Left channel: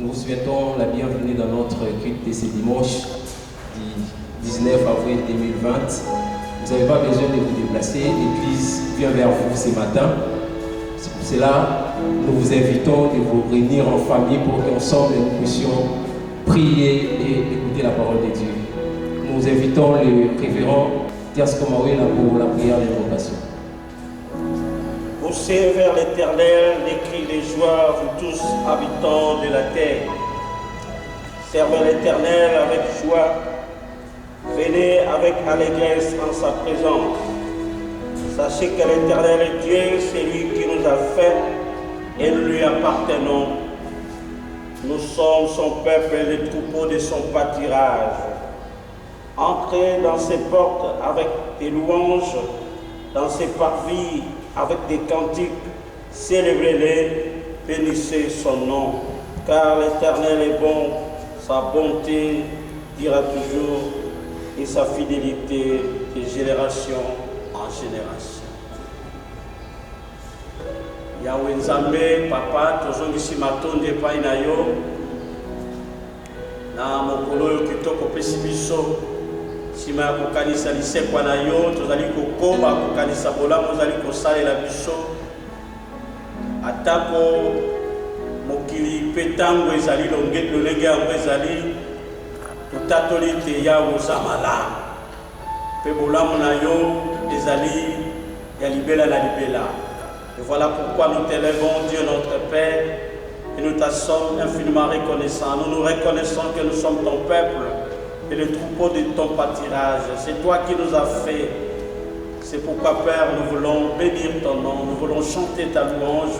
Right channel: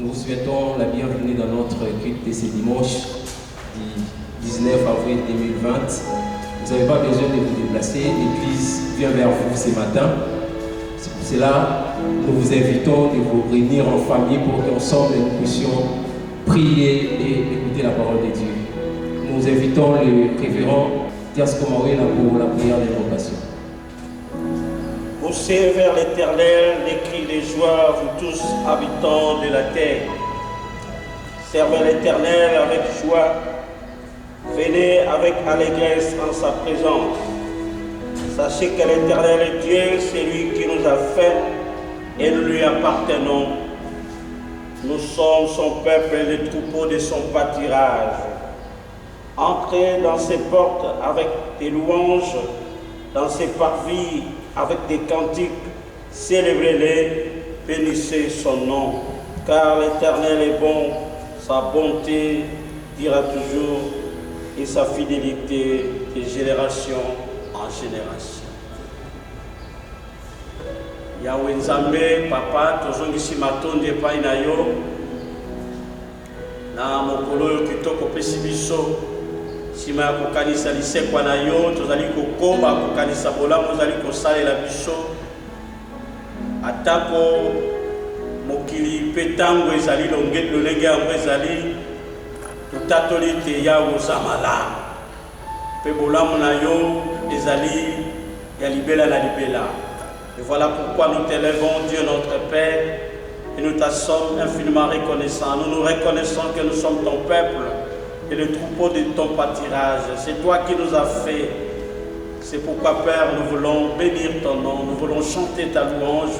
Nous vous souhaitons la bienvenue dans notre culte de ce dimanche du 19 avril 2020. Vous n'avez pas besoin de vous déplacer, l'Église vient vers vous ce matin. C'est pour cela que nous vous invitons de vous réunir en famille pour qu'ensemble nous puissions prier et écouter la parole de Dieu. Nous invitons le révérend Tiasko Mawela pour la prière d'invocation. Poussez vers l'Éternel les cris de joie, vous tous habitants de la terre. Servez l'Éternel avec joie. Venez avec allégresse en sa présence. Sachez que l'Éternel est Dieu, c'est lui qui nous a fait et nous lui appartenons. Nous sommes son peuple et les troupeaux de son pâturage. Entrez dans ses portes avec des louanges, dans ses parvis avec des cantiques, célébrez-les, bénissez son nom. Car l'Éternel est bon, sa bonté dira toujours, et sa fidélité de génération en génération. Yahweh Nzambe, Papa, tozongisi matondi epai na yo, na mokolo oyo kitoko opesi biso, sima ya kokanisa lisekwa na yo, tozali kokoba kokanisa bolamu ozali kosalela biso, atako mokili mpe ntango ezali lolenge yango ezali totatoli te yawe oza malamu mpe bolamu na yo ezali ya libela na libela. Et voilà pourquoi nous t'élèvons, Dieu notre Père, et nous t'en sommes infiniment reconnaissants. Nous nous reconnaissons que nous sommes ton peuple et le troupeau de ton pâturage. C'est toi qui nous as fait. C'est pourquoi, Père, nous voulons bénir ton nom, nous voulons chanter ta louange,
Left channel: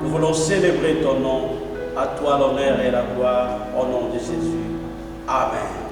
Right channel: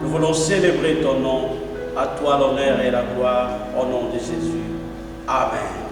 nous voulons célébrer ton nom. À toi l'honneur et la gloire, au nom de Jésus. Amen.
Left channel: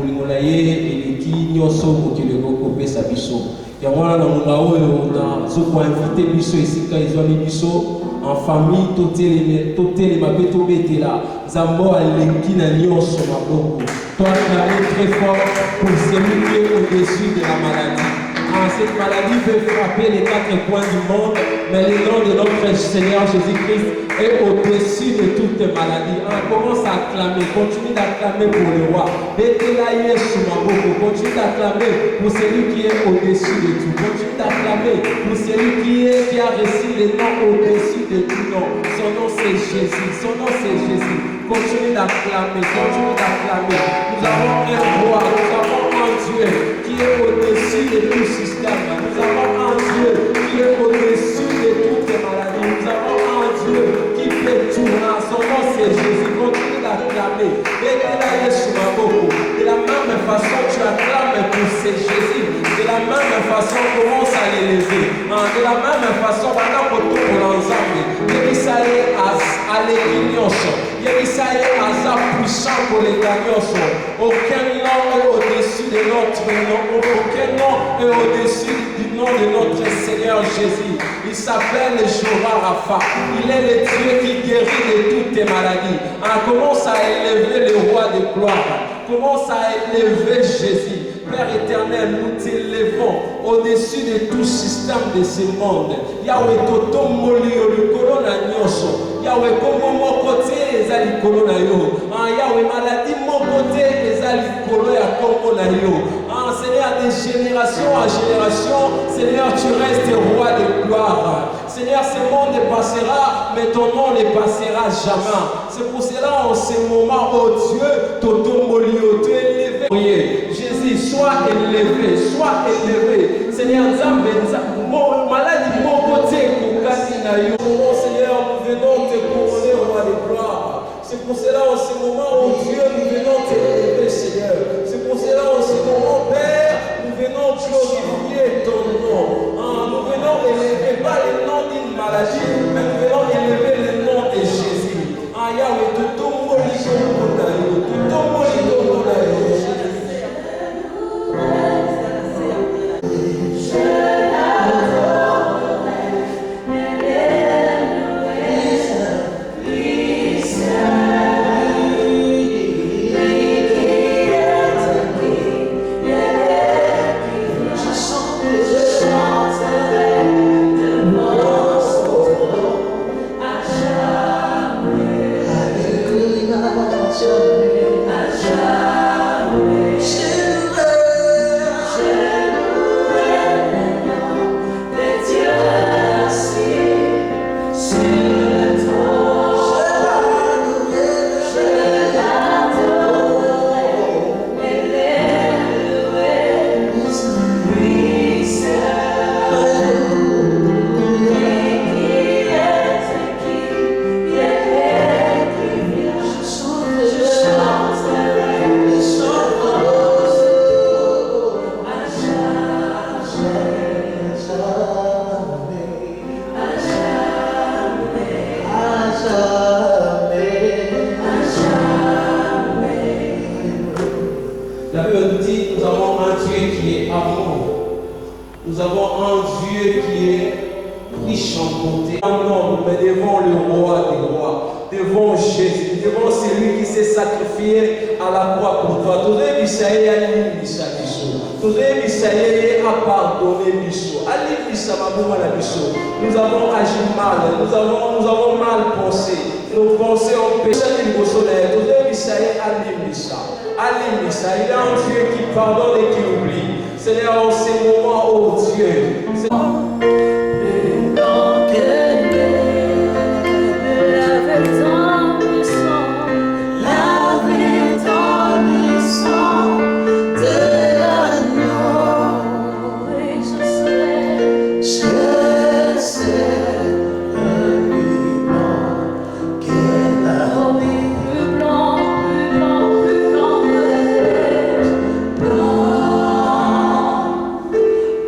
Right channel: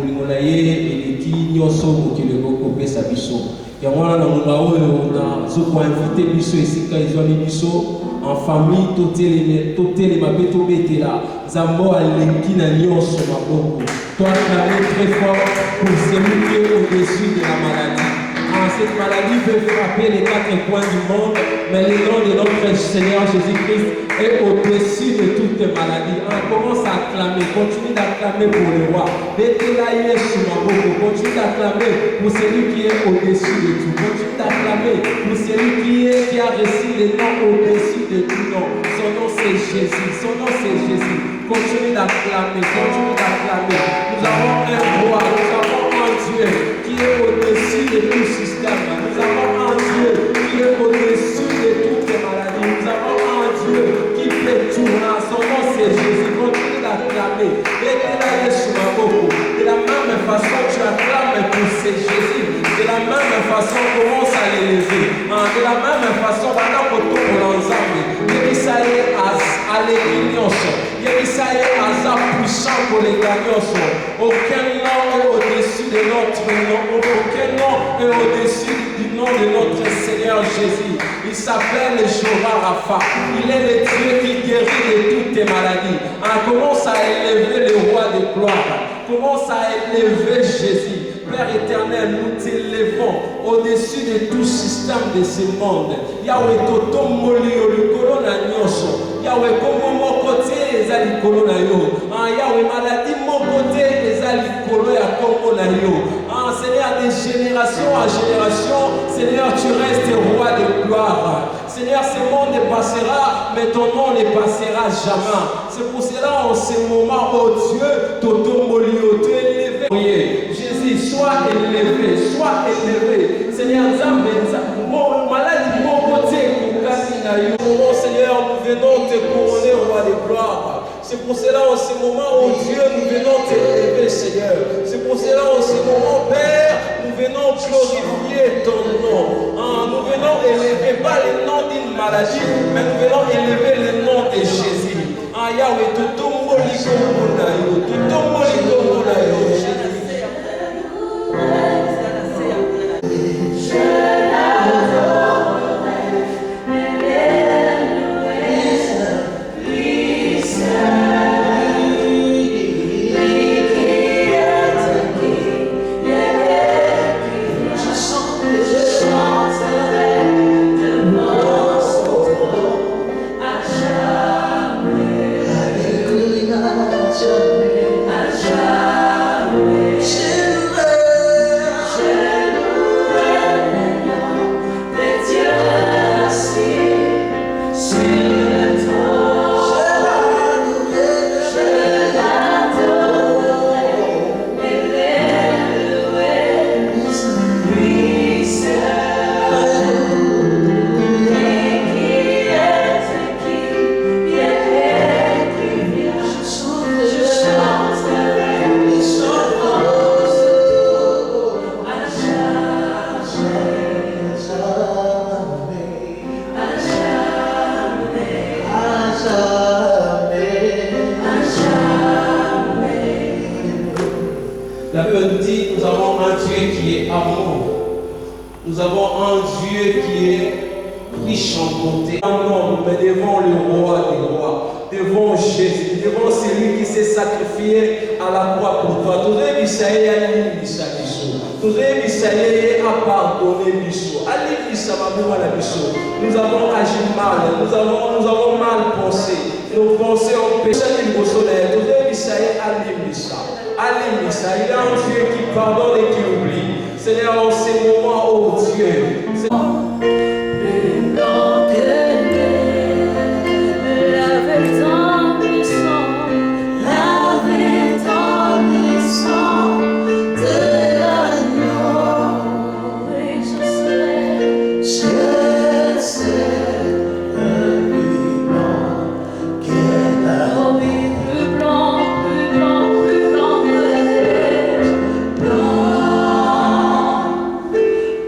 bolingo na ye eleki nyonso mokili ekokopesa biso yango wana na ngonga oyo nazokoinvite biso esika ezwami biso en famille totelema mpe tobetela nzambe aleki na nyonso maboko toacclamer très fort pour celui qui est au-dessus de la maladie. Cette maladie peut frapper les quatre coins du monde, mais le nom de notre Seigneur Jésus-Christ est au-dessus de toutes les maladies. On commence à acclamer, continue d'acclamer pour le roi. Continue d'acclamer pour celui qui est au-dessus de tout. Continue d'acclamer pour celui qui a reçu le nom au-dessus de tout nom. Son nom c'est Jésus, son nom c'est Jésus. Continue d'acclamer, continue d'acclamer. Nous avons un roi, nous avons un Dieu qui est au-dessus de tout système. Nous avons un Dieu qui est au-dessus de toutes les maladies. Nous avons un Dieu qui fait tout. Son nom c'est Jésus. Continue d'acclamer. De la même façon, tu acclames pour c'est Jésus. De la même façon, commence à l'élever. De la même façon, pendant que tout pour l'ensemble, Yébisaïe à l'église. Yébisaïe à puissant pour les gagnants. Aucun nom est au-dessus de notre nom. Aucun nom est au-dessus du nom de notre Seigneur Jésus. Il s'appelle Jéhovah Rapha. Il est le Dieu qui guérit de toutes tes maladies. Commence à élever le roi de gloire. Commence à élever Jésus. Père éternel, nous t'élevons au-dessus de tout système de ce monde. Yahweh, Toto Molio, le colonna Nyoso. Yahweh, comme mon côté, les alikolo na yo. Yahweh, maladie, mon côté, les alikolo ya Kongo na yo. Seigneur, de génération en génération, Seigneur, tu restes roi de gloire. Seigneur, ce monde passera, mais ton nom ne passera jamais. C'est pour cela, en ce moment, oh Dieu, Toto Molio, tu es élevé. Jésus, sois élevé, sois élevé. Seigneur, mon maladie, mon côté, mon Seigneur, nous venons te couronner au roi de gloire. C'est pour cela, en ce moment, oh Dieu, nous venons t'élever, Seigneur. C'est pour cela, en ce moment, Père, nous venons glorifier ton nom. Nous venons élever, pas le nom d'une maladie, mais nous venons élever le nom de Jésus. Yahweh, tout ton mot, tout ton mot, Nous avons agi mal, nous avons mal pensé. Nos pensées ont péché. Il y a un Dieu qui pardonne et qui oublie. Seigneur, en ces moments, oh Dieu.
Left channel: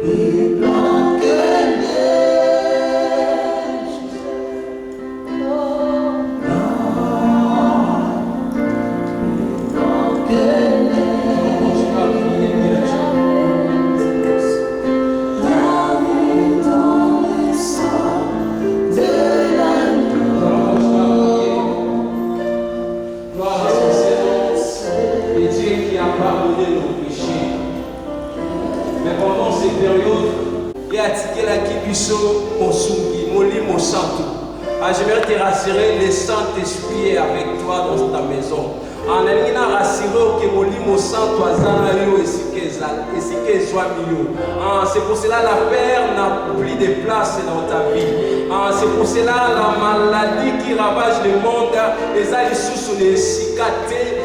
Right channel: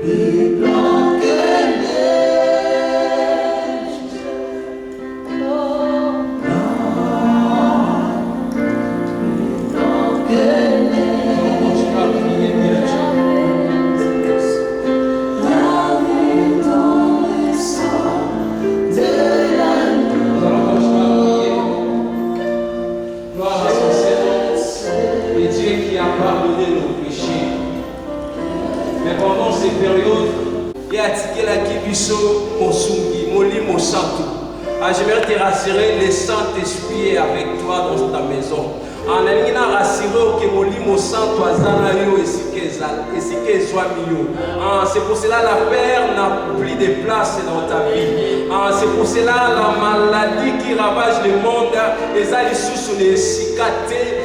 Be Mais pendant ces périodes, il y a Tikelaki Biso, Mosungi, Moli Mosanto. J'aimerais te rassurer, le Saint-Esprit est avec toi dans ta maison. En alingina rassuré que Molimo Santo azana yo esike soit milieu. C'est pour cela la peur n'a plus de place dans ta vie. C'est pour cela la maladie qui ravage le monde les a sous les cicatrices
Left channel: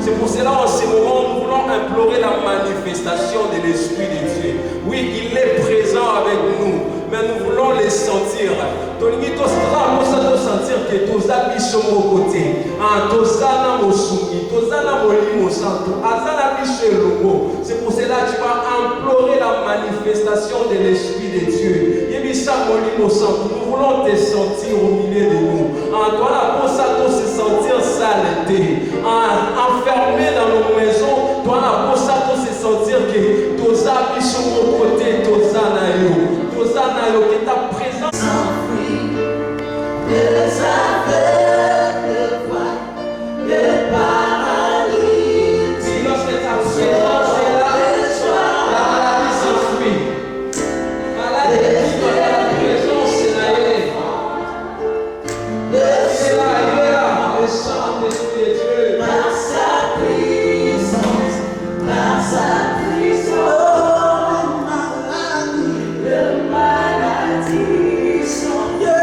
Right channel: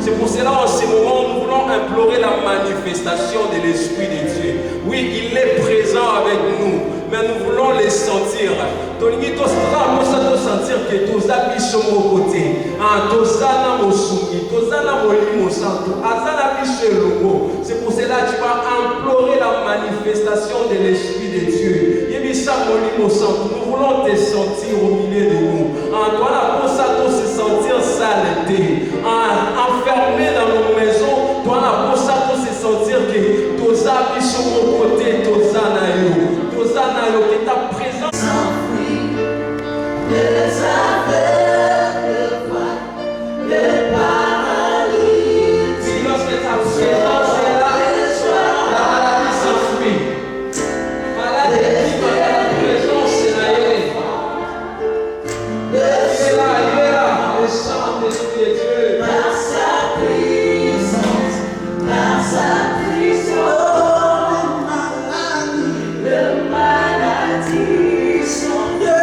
c'est pour cela en ce moment nous voulons implorer la manifestation de l'Esprit de Dieu. Oui, il est présent avec nous, mais nous voulons les sentir. Tolingi tosala pour sentir que toza biso mo côté. Tozana mosungi, tozana molimo santo, azana biso elongo. C'est pour cela que tu vas implorer la manifestation de l'Esprit de Dieu. Yebisa molimo santo, nous voulons te sentir au milieu de nous. Toi la pour ça se sentir saleté, enfermé dans nos maisons. Toi la pour ça se sentir que toza biso mo côté, tozana yo que ta présence. Les aveugles voient, les paralytiques. Si lorsque ta présence est là, la maladie s'enfuit. Maladie qui va ta présence, c'est là, il est là, le Saint-Esprit de Dieu. Par sa puissance, par sa puissance, les maladies sont bien,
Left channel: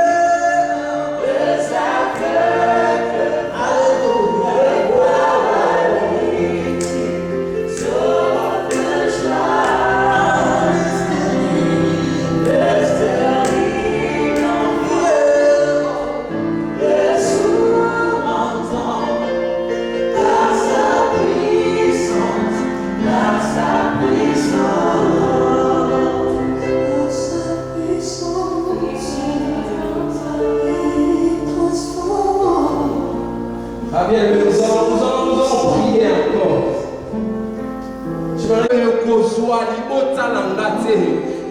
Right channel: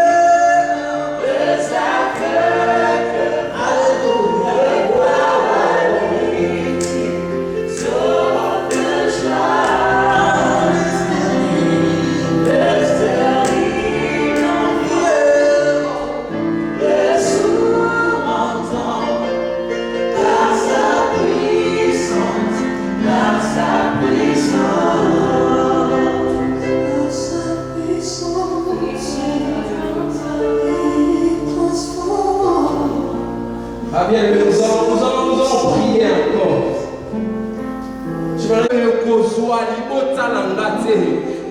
nous allons prier encore.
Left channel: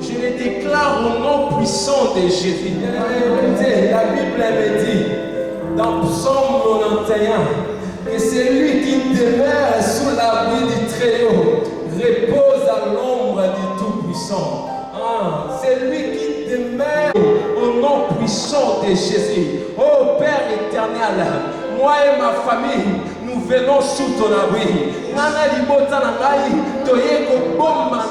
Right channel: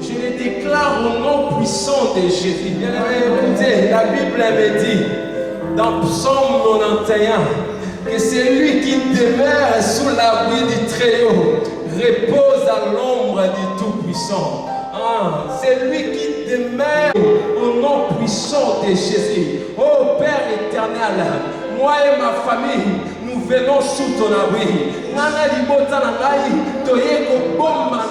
Je le déclare au nom puissant de Jésus. La Bible me dit dans Psaume 91 que c'est lui qui demeure sous l'abri du Très-Haut, repose à l'ombre du Tout-Puissant. C'est lui qui demeure au nom puissant de Jésus. Oh Père éternel, moi et ma famille, nous venons sous ton abri. Nana libota na ngai, toye ko bomba na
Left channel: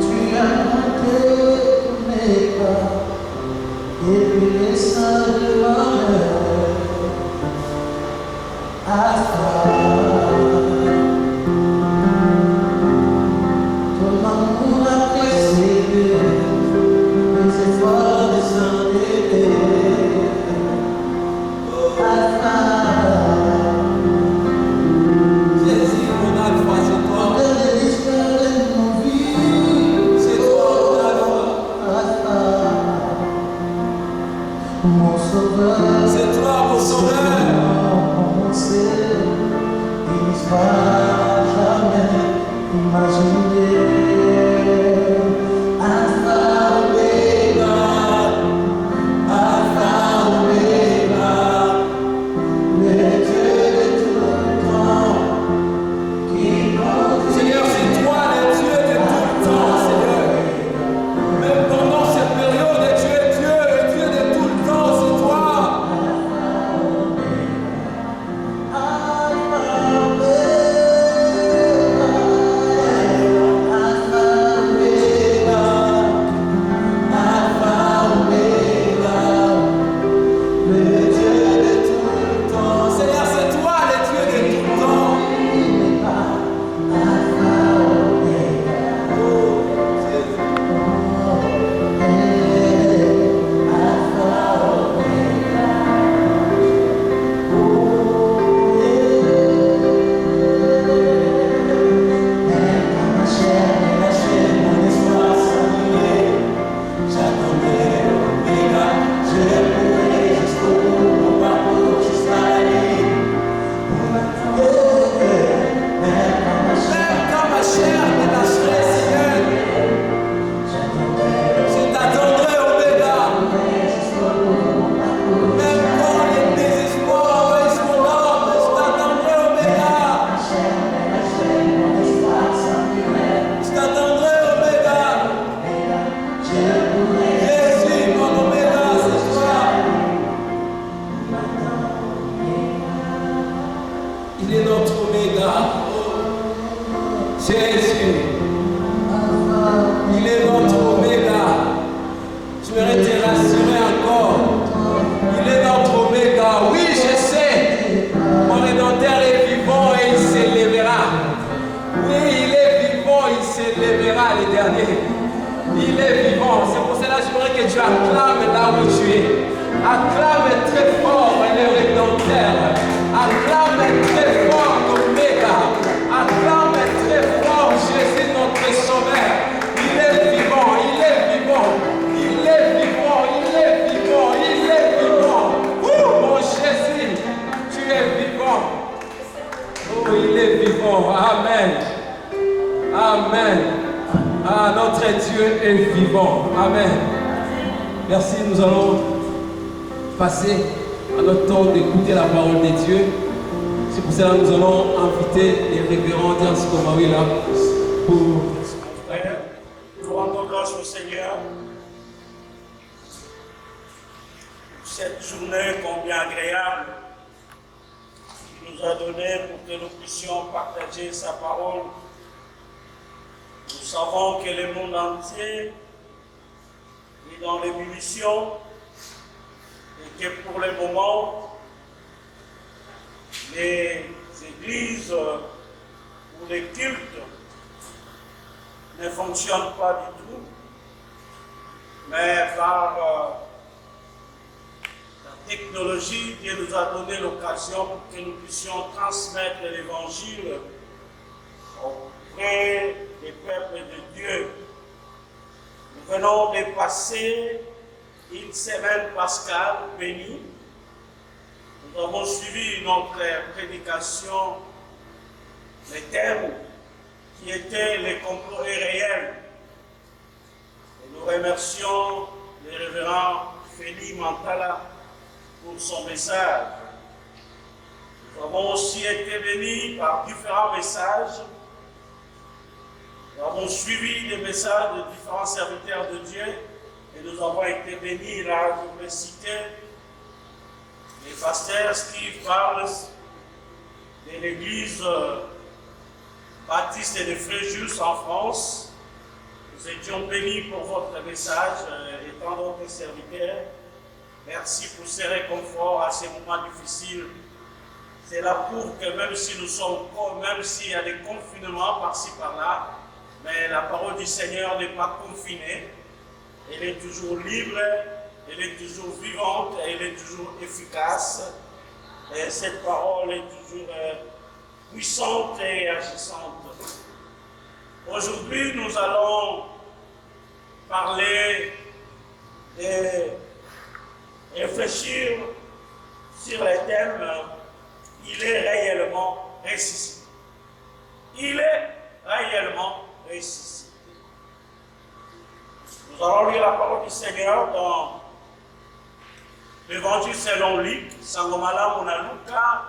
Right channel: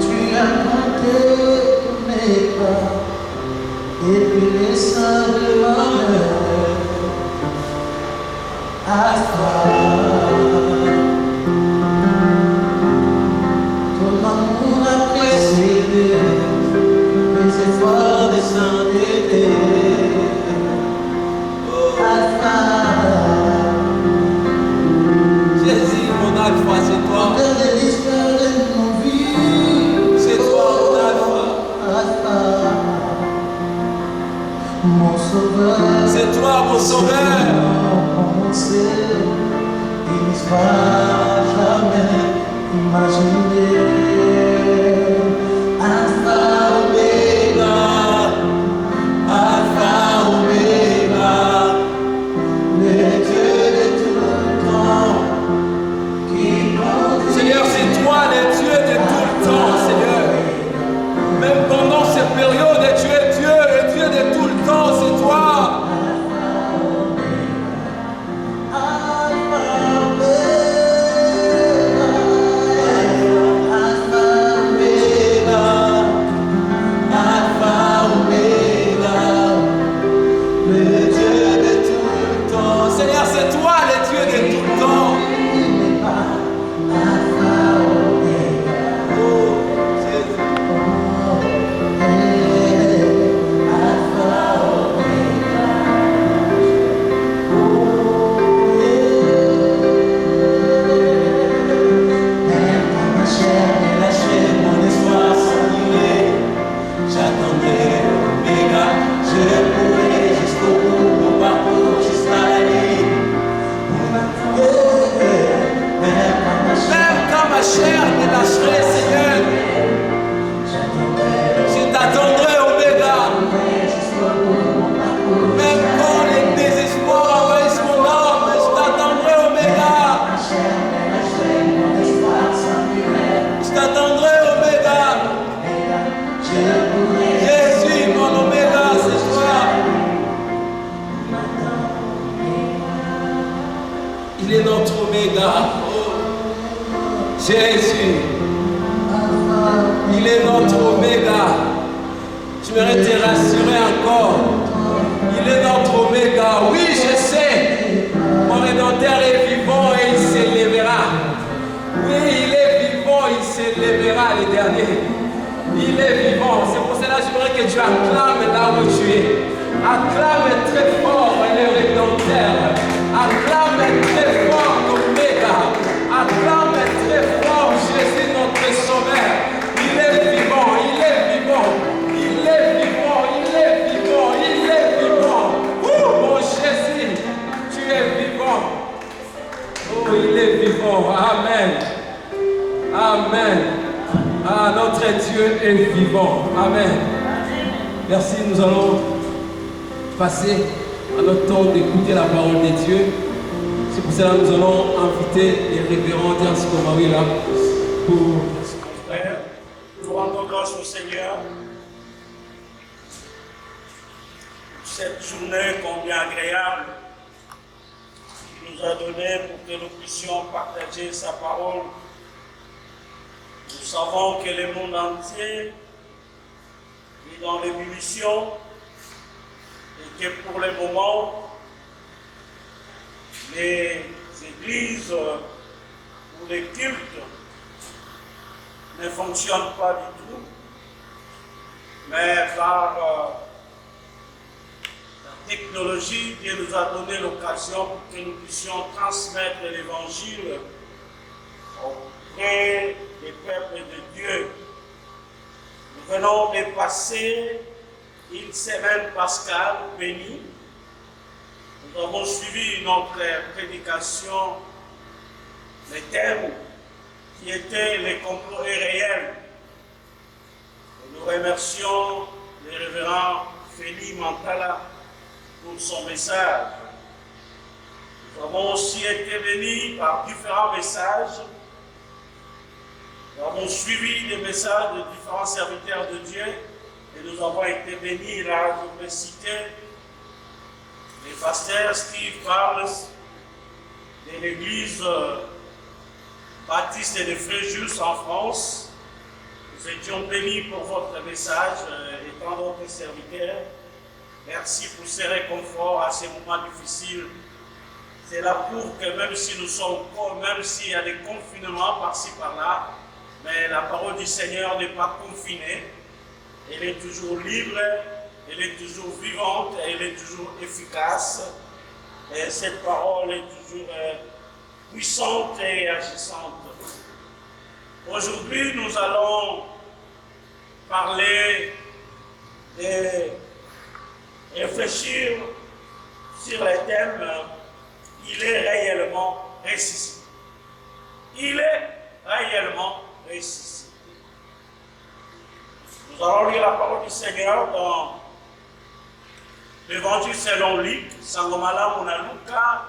tu as monté mes pas, et puis les seins de l'honneur. Ton amour a précédé mes efforts de s'endetter. Jésus, mon alpha, c'est toi. De l'histoire de mon vie, C'est toi, mon alpha. mon sauveur. C'est toi, mon sauveur. Il ne sera jamais imaginé. Alpha Omega, le Dieu de tout le temps, qui compte. Seigneur, c'est toi le Dieu de tout le temps, Seigneur. Même pendant ces périodes, tu es Dieu, le Dieu de tout le temps, c'est toi. Jésus, il est notre oméga. J'aimerais te rassurer encore. Il est notre oméga. Oui, je sais. Mon Rédempteur est vivant et il s'élèvera. Oui, il est vivant, il s'élèvera le dernier. Il est vivant. C'est pour cela que j'aimerais que tu acclames là où tu es. Acclame très fort le Rédempteur. Acclame très fort l'Oméga. Acclame très fort Jésus notre Sauveur. Il est vivant, il est vivant. Il est vivant, il est vivant, il est vivant. Mon Jésus, tu es vivant. Oh, il est vivant. Amen. Amen. Ah, notre Dieu est vivant. Amen. Merci, nous allons passer à notre temps d'écouter la parole de Dieu. C'est pour cela que nous allons inviter les révérends Dias Komawi là pour... Frère, nous rendons grâce au Seigneur pour cette journée combien agréable qu'il nous a donnée pour que nous puissions partager sa parole. Nous savons que le monde entier est dans l'ébullition et que pour le moment, les églises ou les cultes ne fonctionnent pas du tout, mais par la technologie, Dieu nous a donné l'occasion pour que nous puissions transmettre l'évangile auprès des peuples de Dieu. Nous venons de passer une semaine pascale bénie. Nous avons suivi notre prédication, le thème qui était les complots irréels. Et nous remercions le révérend Félix Mantala pour son message. Nous avons aussi été bénis par différents messages. Nous avons suivi des messages de différents serviteurs de Dieu et nous avons été bénis. Là, je vais citer les pasteurs Steve Carles de l'église baptiste de Fréjus en France. Nous étions bénis pour votre message et tant d'autres serviteurs. Merci pour ces réconforts à ces moments difficiles. Cela prouve que même si nous sommes, même s'il y a des confinements par-ci par-là, mais la parole du Seigneur n'est pas confinée. Elle est toujours libre, elle est toujours vivante, elle est toujours efficace. Et cette parole est toujours puissante et agissante. Aujourd'hui, nous allons parler et réfléchir sur le thème « Il est réellement ressuscité ». Il est réellement ressuscité. Nous allons lire la parole du Seigneur dans l'Évangile selon Luc, Sangomala Monaluka,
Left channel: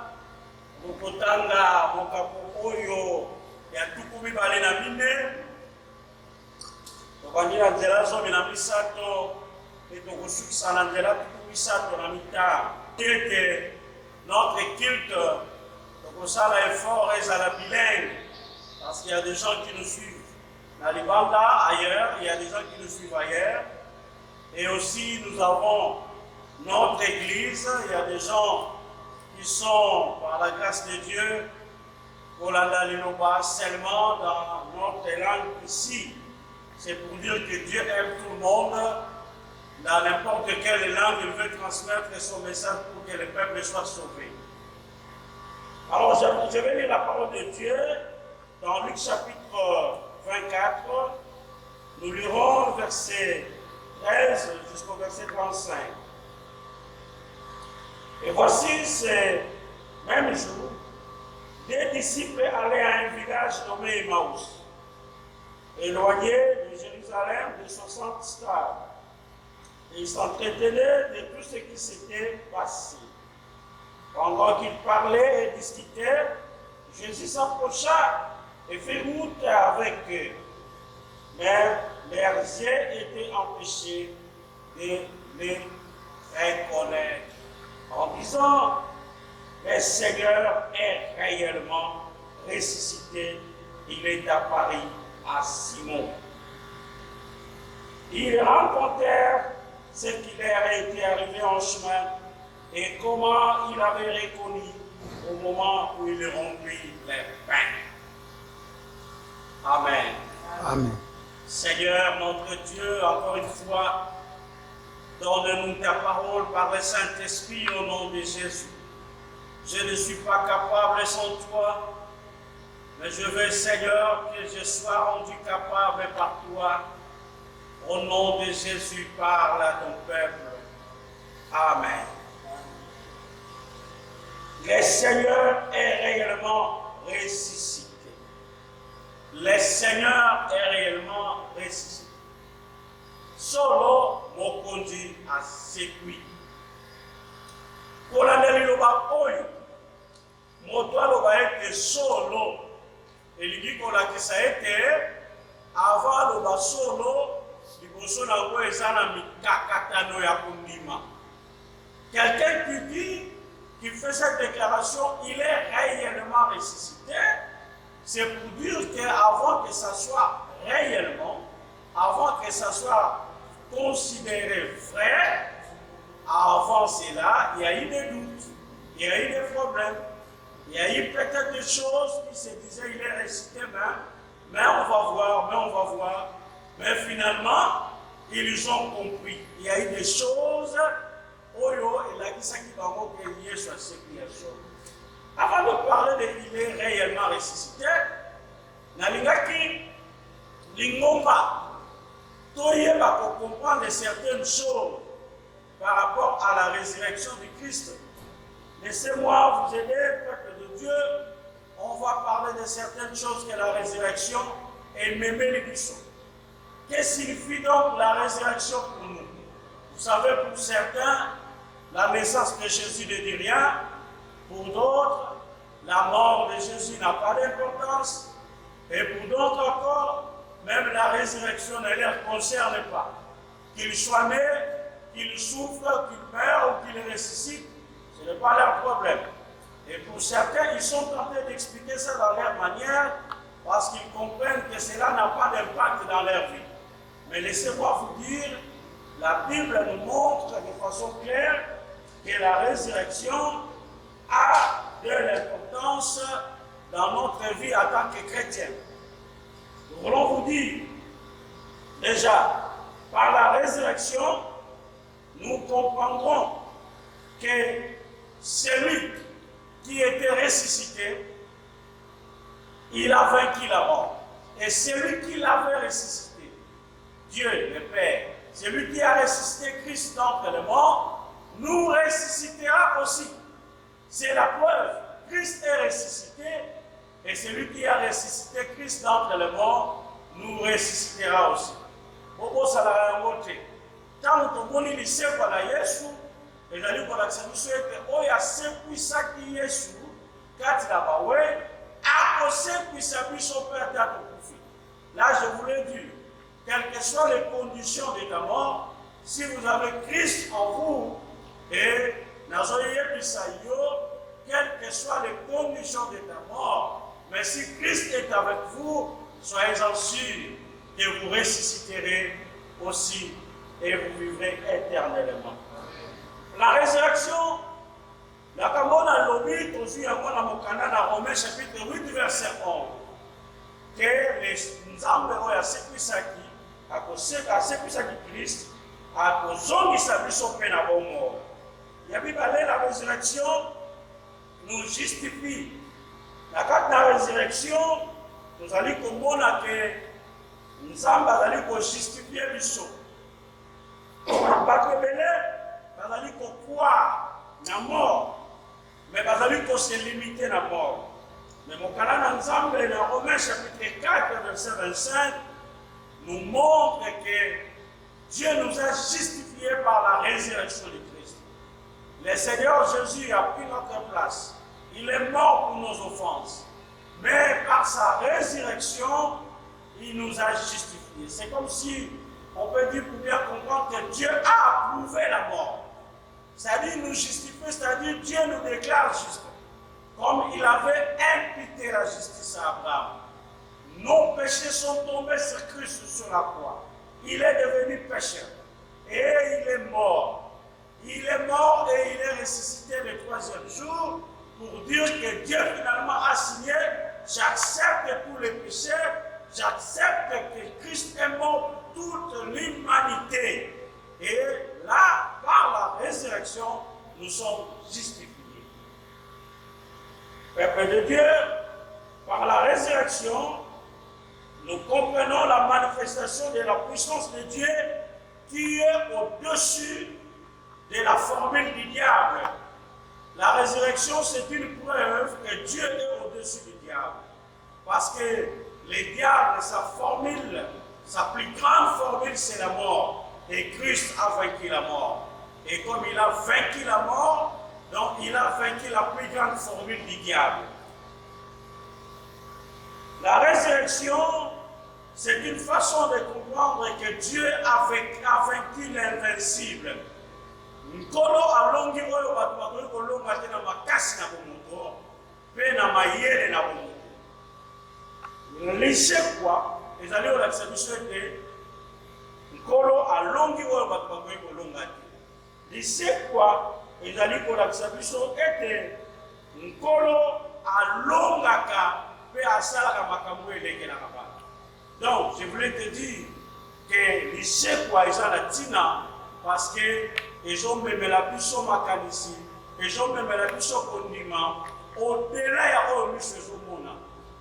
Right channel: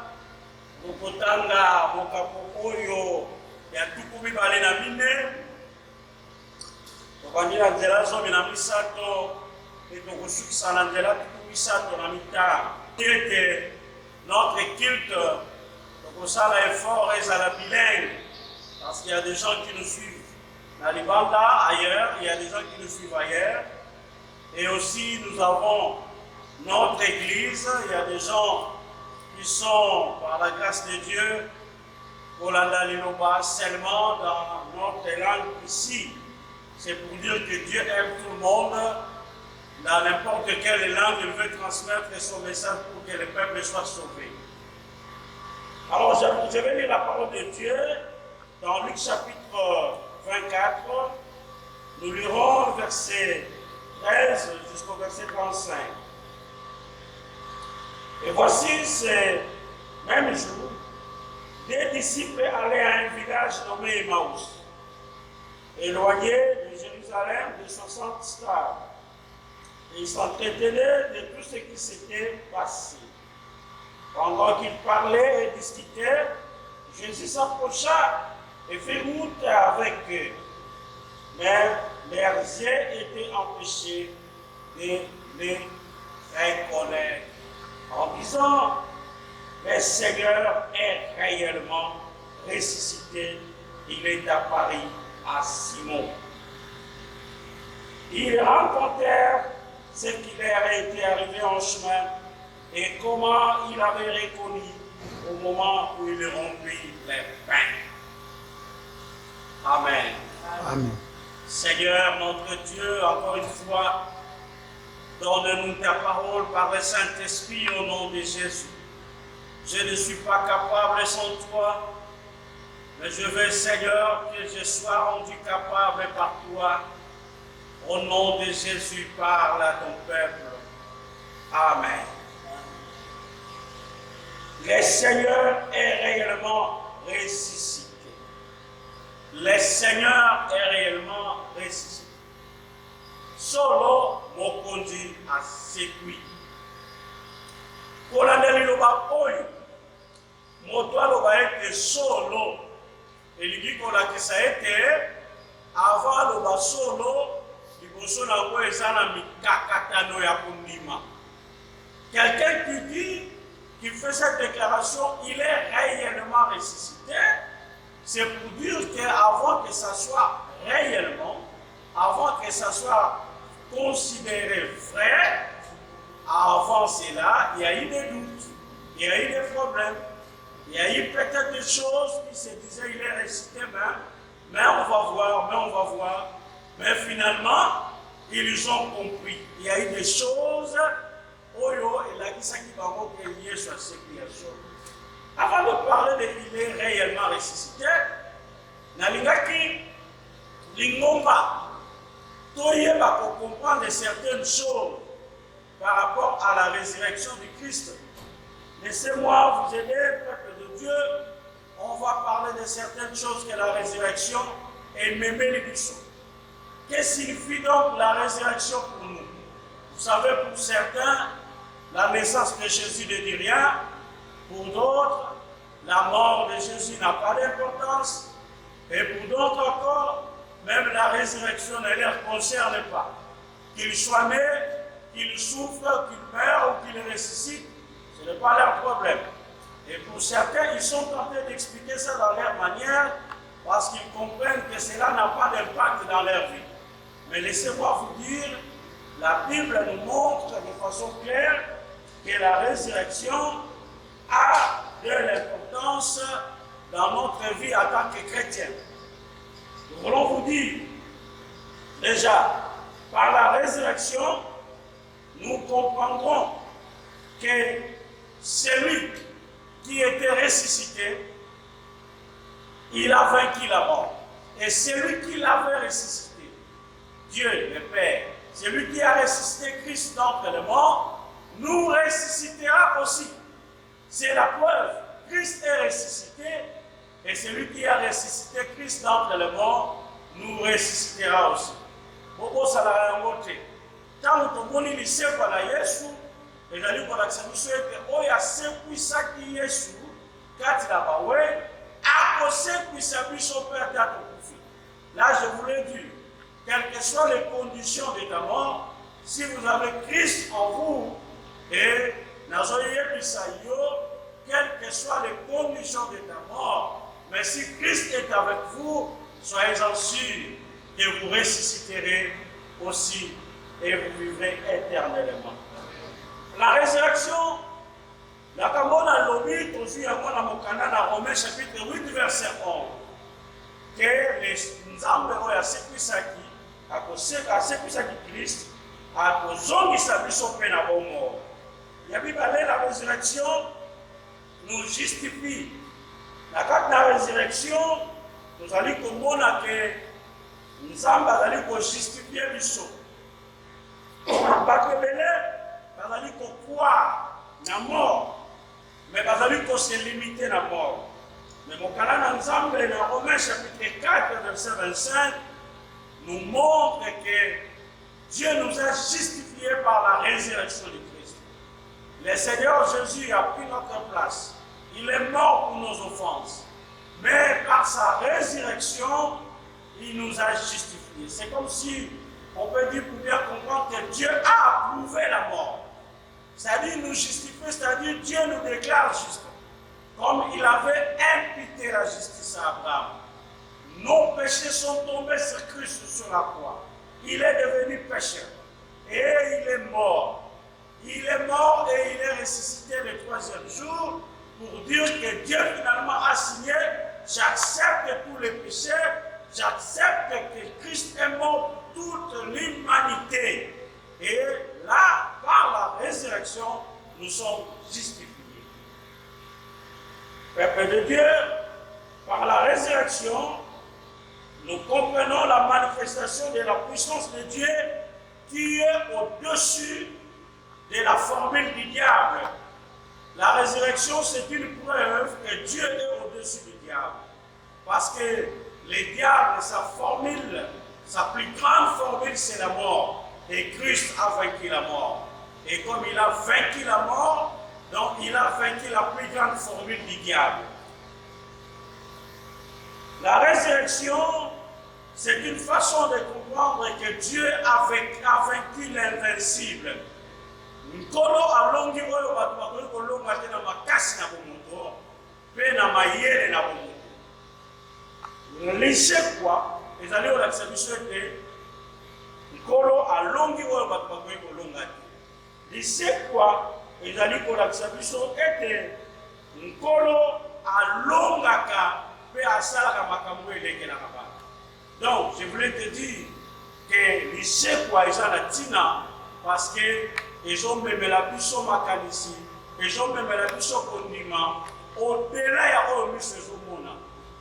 Mokotanga, Mokapokoyo, Yatukumi Balena Mine, Tokandila Nzela Zomi na Misato, et Tokosuki Nzela Tukumi Sato na Mita. Que notre culte, Tokosala effort est à la bilingue, parce qu'il y a des gens qui nous suivent. Dans les Banda, ailleurs, il y a des gens qui nous suivent ailleurs. Et aussi, nous avons notre église, il y a des gens qui sont, par la grâce de Dieu, Olanda Linoba, seulement dans notre langue ici. C'est pour dire que Dieu aime tout le monde. Dans n'importe quelle langue, il veut transmettre son message pour que le peuple soit sauvé. Alors, je vais lire la parole de Dieu dans Luc chapitre 24. Nous lirons verset 13 jusqu'au verset 35. Et voici ces mêmes jours, des disciples allaient à un village nommé Emmaüs, éloigné de Jérusalem de 60 stades. Et ils s'entretenaient de tout ce qui s'était passé. Pendant qu'ils parlaient et discutaient, Jésus s'approcha et fit route avec eux. Mais leurs yeux étaient empêchés de les reconnaître. En disant, le Seigneur est réellement ressuscité il est apparu à Simon. Ils rencontrèrent ce qui leur était arrivé en chemin et comment il avait reconnu au moment où il rompit les pains. Amen. Amen. Seigneur, notre Dieu, encore une fois, donne-nous ta parole par le Saint-Esprit au nom de Jésus. Je ne suis pas capable sans toi, mais je veux, Seigneur, que je sois rendu capable par toi. Au nom de Jésus, parle à ton peuple. Amen. Le Seigneur est réellement ressuscité. Le Seigneur est réellement ressuscité. Solo mokonzi asekwi. Kolandeli loba oyo. Moto aloba ete solo. Elingi kolakisa ete avant loba solo liboso na ngo eza na mikakatano ya kondima. Quelqu'un qui dit, qui fait cette déclaration, il est réellement ressuscité. C'est pour dire qu'avant que ça soit réellement, avant que ça soit considéré vrai, avant cela, il y a eu des doutes, il y a eu des problèmes, il y a eu peut-être des choses qui se disaient, il est ressuscité même, mais on va voir. Mais finalement, ils ont compris. Il y a eu des choses, Oyo et la Kisaki Bango qui est lié sur cette création. Avant de parler de il est réellement ressuscité, Nalingaki, Lingomba, Toyeba pour comprendre certaines choses par rapport à la résurrection du Christ. Laissez-moi vous aider, peuple de Dieu. On va parler de certaines choses que la résurrection et même les bisous. Qu'est-ce qui signifie donc la résurrection pour nous? Vous savez, pour certains, la naissance de Jésus ne dit rien. Pour d'autres, la mort de Jésus n'a pas d'importance. Et pour d'autres encore, même la résurrection ne les concerne pas. Qu'il soit né, qu'il souffre, qu'il meure ou qu'il ressuscite, ce n'est pas leur problème. Et pour certains, ils sont tentés d'expliquer ça dans leur manière parce qu'ils comprennent que cela n'a pas d'impact dans leur vie. Mais laissez-moi vous dire, la Bible nous montre de façon claire que la résurrection a de l'importance dans notre vie en tant que chrétiens. Nous voulons vous dire, déjà, par la résurrection, nous comprendrons que celui qui était ressuscité, il a vaincu la mort. Et celui qui l'avait ressuscité, Dieu le Père, celui qui a ressuscité Christ d'entre les morts, nous ressuscitera aussi. C'est la preuve. Christ est ressuscité et celui qui a ressuscité Christ d'entre les morts nous ressuscitera aussi. Bobo Salayangote. Tant que nous lisons par Yesu, et nous allons voir que nous sommes oya sekwisaki Yesu, kati la bawe, ako sekwisabi son père d'atokufi. Là, je voulais dire, quelles que soient les conditions de ta mort, si vous avez Christ en vous, et quelles que soient les conditions de ta mort, mais si Christ est avec vous, soyez-en sûrs que vous ressusciterez aussi et vous vivrez éternellement. La résurrection, la Kamona Lobi, toujours à Mokana, dans Romains chapitre 8, verset 11, que les Nzambe à Sekwisaki, à Sekwisaki Christ, à Kozongi Sabiso Penabomor. La résurrection nous justifie. La carte de la résurrection, nous allons comprendre que nous allons justifier le saut. Parce que nous allons croire la mort, mais nous allons se limiter à la mort. Mais mon canal ensemble, dans Romains chapitre 4, verset 25, nous montre que Dieu nous a justifiés par la résurrection de Christ. Le Seigneur Jésus a pris notre place. Il est mort pour nos offenses. Mais par sa résurrection, il nous a justifiés. C'est comme si, on peut dire pour bien comprendre que Dieu a approuvé la mort. C'est-à-dire nous justifier, c'est-à-dire Dieu nous déclare juste. Comme il avait imputé la justice à Abraham. péchés sont tombés sur Christ sur la croix. Il est devenu pécheur. Et il est mort. Il est mort et il est ressuscité le troisième jour pour dire que Dieu finalement a signé, j'accepte tous les péchés, j'accepte que Christ est mort pour toute l'humanité. Et là, par la résurrection, nous sommes justifiés. Peuple de Dieu, par la résurrection, nous comprenons la manifestation de la puissance de Dieu qui est au-dessus de la formule du diable. La résurrection, c'est une preuve que Dieu est au-dessus du diable. Parce que le diable, sa formule, sa plus grande formule, c'est la mort. Et Christ a vaincu la mort. Et comme il a vaincu la mort, donc il a vaincu la plus grande formule du diable. La résurrection, c'est une façon de comprendre que Dieu a vaincu l'invincible. Nkolo alongi oyo batu bakoki kolonga te na makasi na bomoto mpe na mayele na bomoto. Lisekwa ezali kolakisa biso ete nkolo alongi oyo batu bakoki kolonga te. Lisekwa ezali kolakisa biso ete nkolo alongaka mpe asalaka makambo elekelaka bana. Donc je voulais te dire que lisekwa eza na ntina parce que ezomemela biso makanisi, ezomemela biso kondima au-delà ya oyo miso ezomona.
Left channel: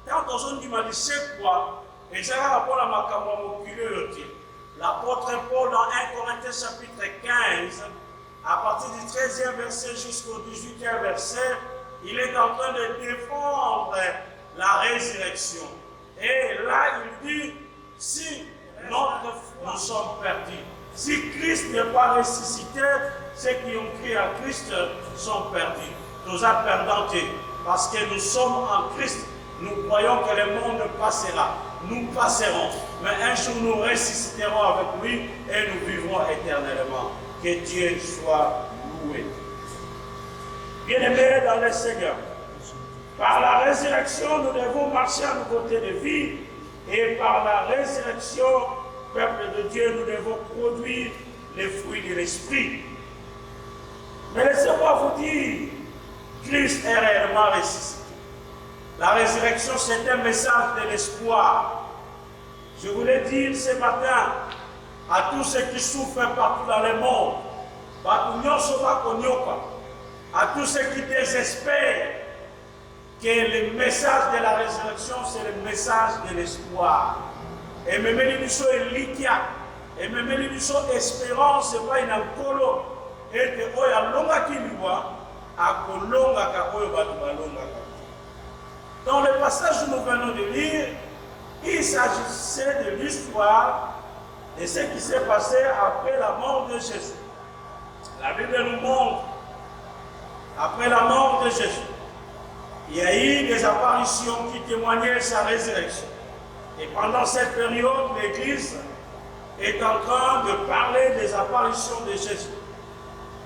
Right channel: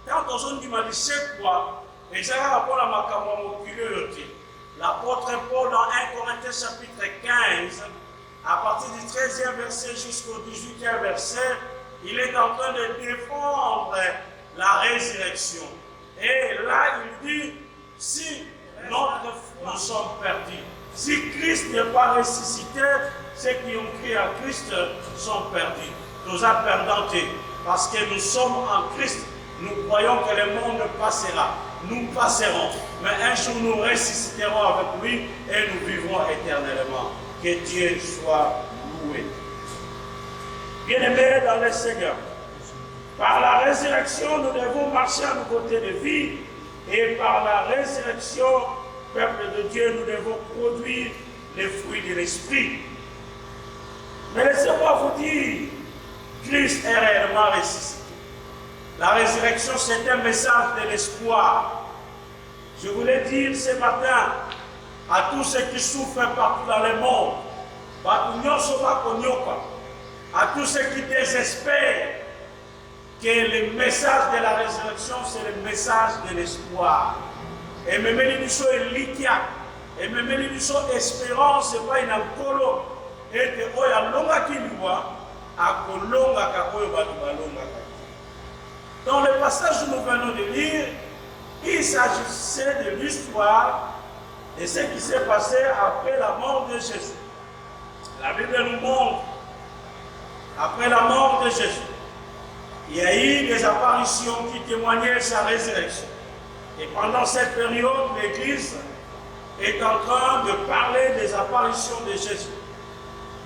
Tant ozondima lisekwa ezalaka mpona makambo ya mokili oyo te. L'apôtre Paul dans 1 Corinthiens chapitre 15, à partir du 13e verset jusqu'au 18e verset, il est en train de défendre la résurrection. Et là, il dit, si notre foi nous sommes perdus, si Christ n'est pas ressuscité, ceux qui ont cru à Christ sont perdus. Nous sommes perdants parce que nous sommes en Christ. Nous croyons que le monde passera. Nous passerons. Mais un jour nous ressusciterons avec lui et nous vivrons éternellement. Que Dieu soit loué. Bien-aimés dans le Seigneur, par la résurrection, nous devons marcher à nos côtés de vie. Et par la résurrection, peuple de Dieu, nous devons produire les fruits de l'Esprit. Mais laissez-moi vous dire, Christ est réellement ressuscité. La résurrection, c'est un message de l'espoir. Je voulais dire ce matin à tous ceux qui souffrent partout dans le monde, à tous ceux qui désespèrent, que le message de la résurrection, c'est le message de l'espoir. Et même les gens likia, et même les gens espérance, c'est pas une ankolo, et que oya longa kiliwa, a kolonga ka oyo batu balonga ka. Dans le passage que nous venons de lire, il s'agissait de l'histoire de ce qui s'est passé après la mort de Jésus. La Bible nous montre, après la mort de Jésus, il y a eu des apparitions qui témoignaient sa résurrection. Et pendant cette période, l'Église est en train de parler des apparitions de Jésus.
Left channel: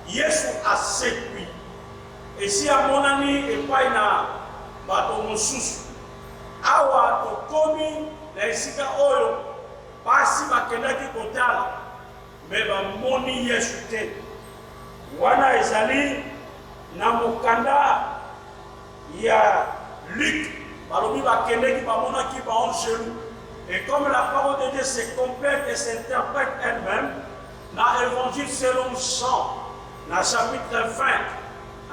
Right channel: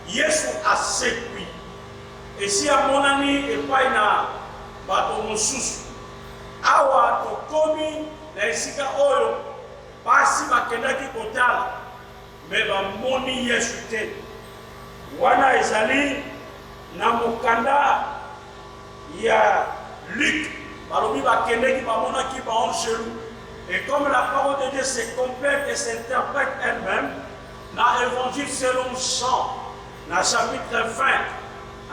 Yesu a séduit. Et si à mon ami et pas une bateau mosusu, awa to komi na esika oyo basi bakendaki kotala me bamoni Yesu te. Wana ezali na mokanda ya Luc, balobi bakendaki bamonaki baongelou. Et comme la parole de Dieu se complète et s'interprète elle-même, dans l'évangile selon Jean, dans le chapitre 20,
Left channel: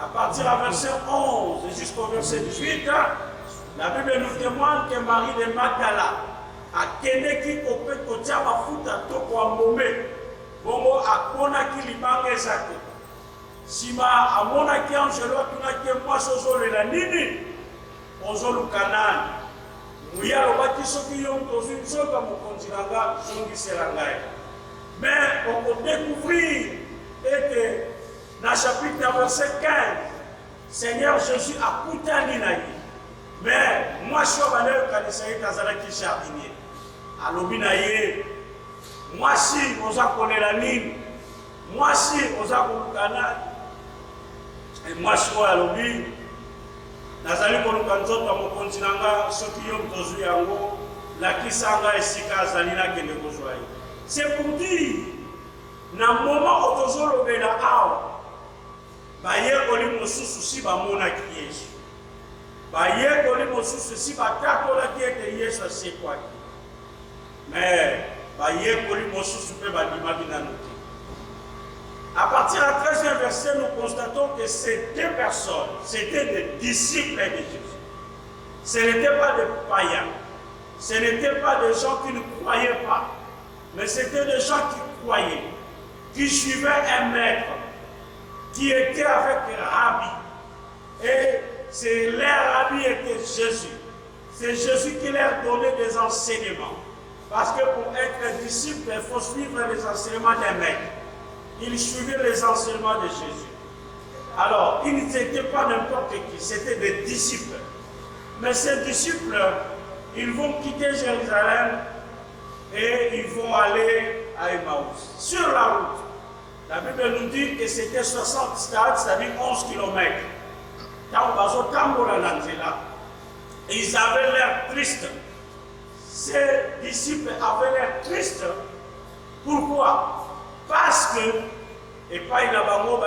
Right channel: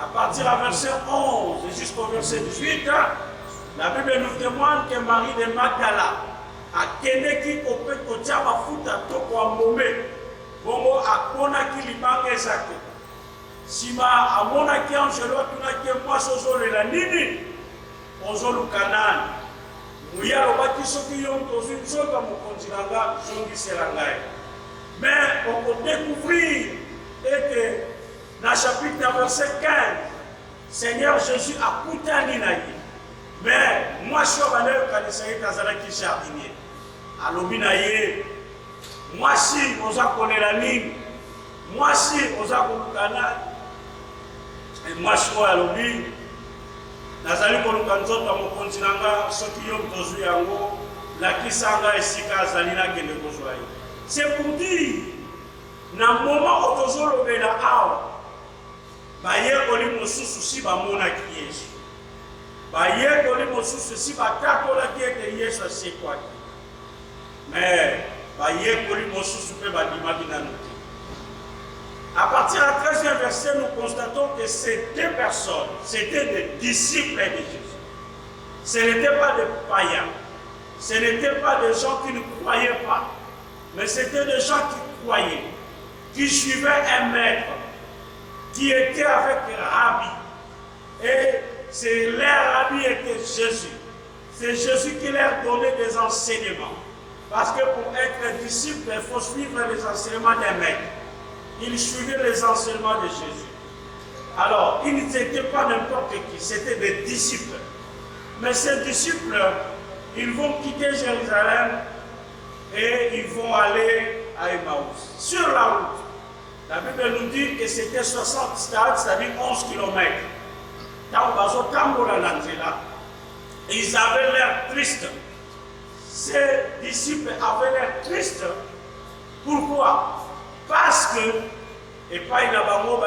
à partir du verset 11 jusqu'au verset 18, la Bible nous témoigne que Marie de Magdala a kendeki kopé kotia bafuta toko amome, bongo akonaki libanga ezate. Sima amonaki angelo tunaki mwasi ozolela nini ozoluka nani muya alobaki soki yo tozwi nzoka mokonzi na nga zongisela ngai. Mais on peut découvrir que dans le chapitre verset 15, Seigneur Jésus a kutani na ye. Mais mwasi oyo banayokanisa ye kazalaki jardinier alobi na ye mwasi oza kolela nini, mwasi oza koluka nani. Mwasi oyo alobi nazali koluka nzoto ya mokonzi na nga soki yo tozwi yango la kisanga esika zalina kende kozwai. C'est pour dire, na moment où nous avons le awa, baye koli mosusu si ba mona ki Yesu. Baye koli mosusu si ba katola ki ete Yesu c'est quoi. Mais baye koli mosusu pe ba dima binanote. À partir du 13e verset, nous constatons que ces deux personnes, c'était des disciples de Jésus. Ce n'étaient pas des païens. Ce n'étaient pas des gens qui ne croyaient pas. Mais c'était des gens qui croyaient, qui suivaient un maître, qui était avec Rabbi. Et leur Rabbi était Jésus. C'est Jésus qui leur donnait des enseignements. Parce que pour être disciple, il faut suivre les enseignements d'un maître. Ils suivaient les enseignements de Jésus. Alors, ils n'étaient pas n'importe qui, c'était des disciples. Mais ces disciples, ils vont quitter Jérusalem et ils vont aller à Emmaüs. Sur la route, la Bible nous dit que c'était 60 stades, c'est-à-dire 11 km. Ils avaient l'air tristes. Ces disciples avaient l'air tristes. Pourquoi? Parce que, et pas il a bango, leur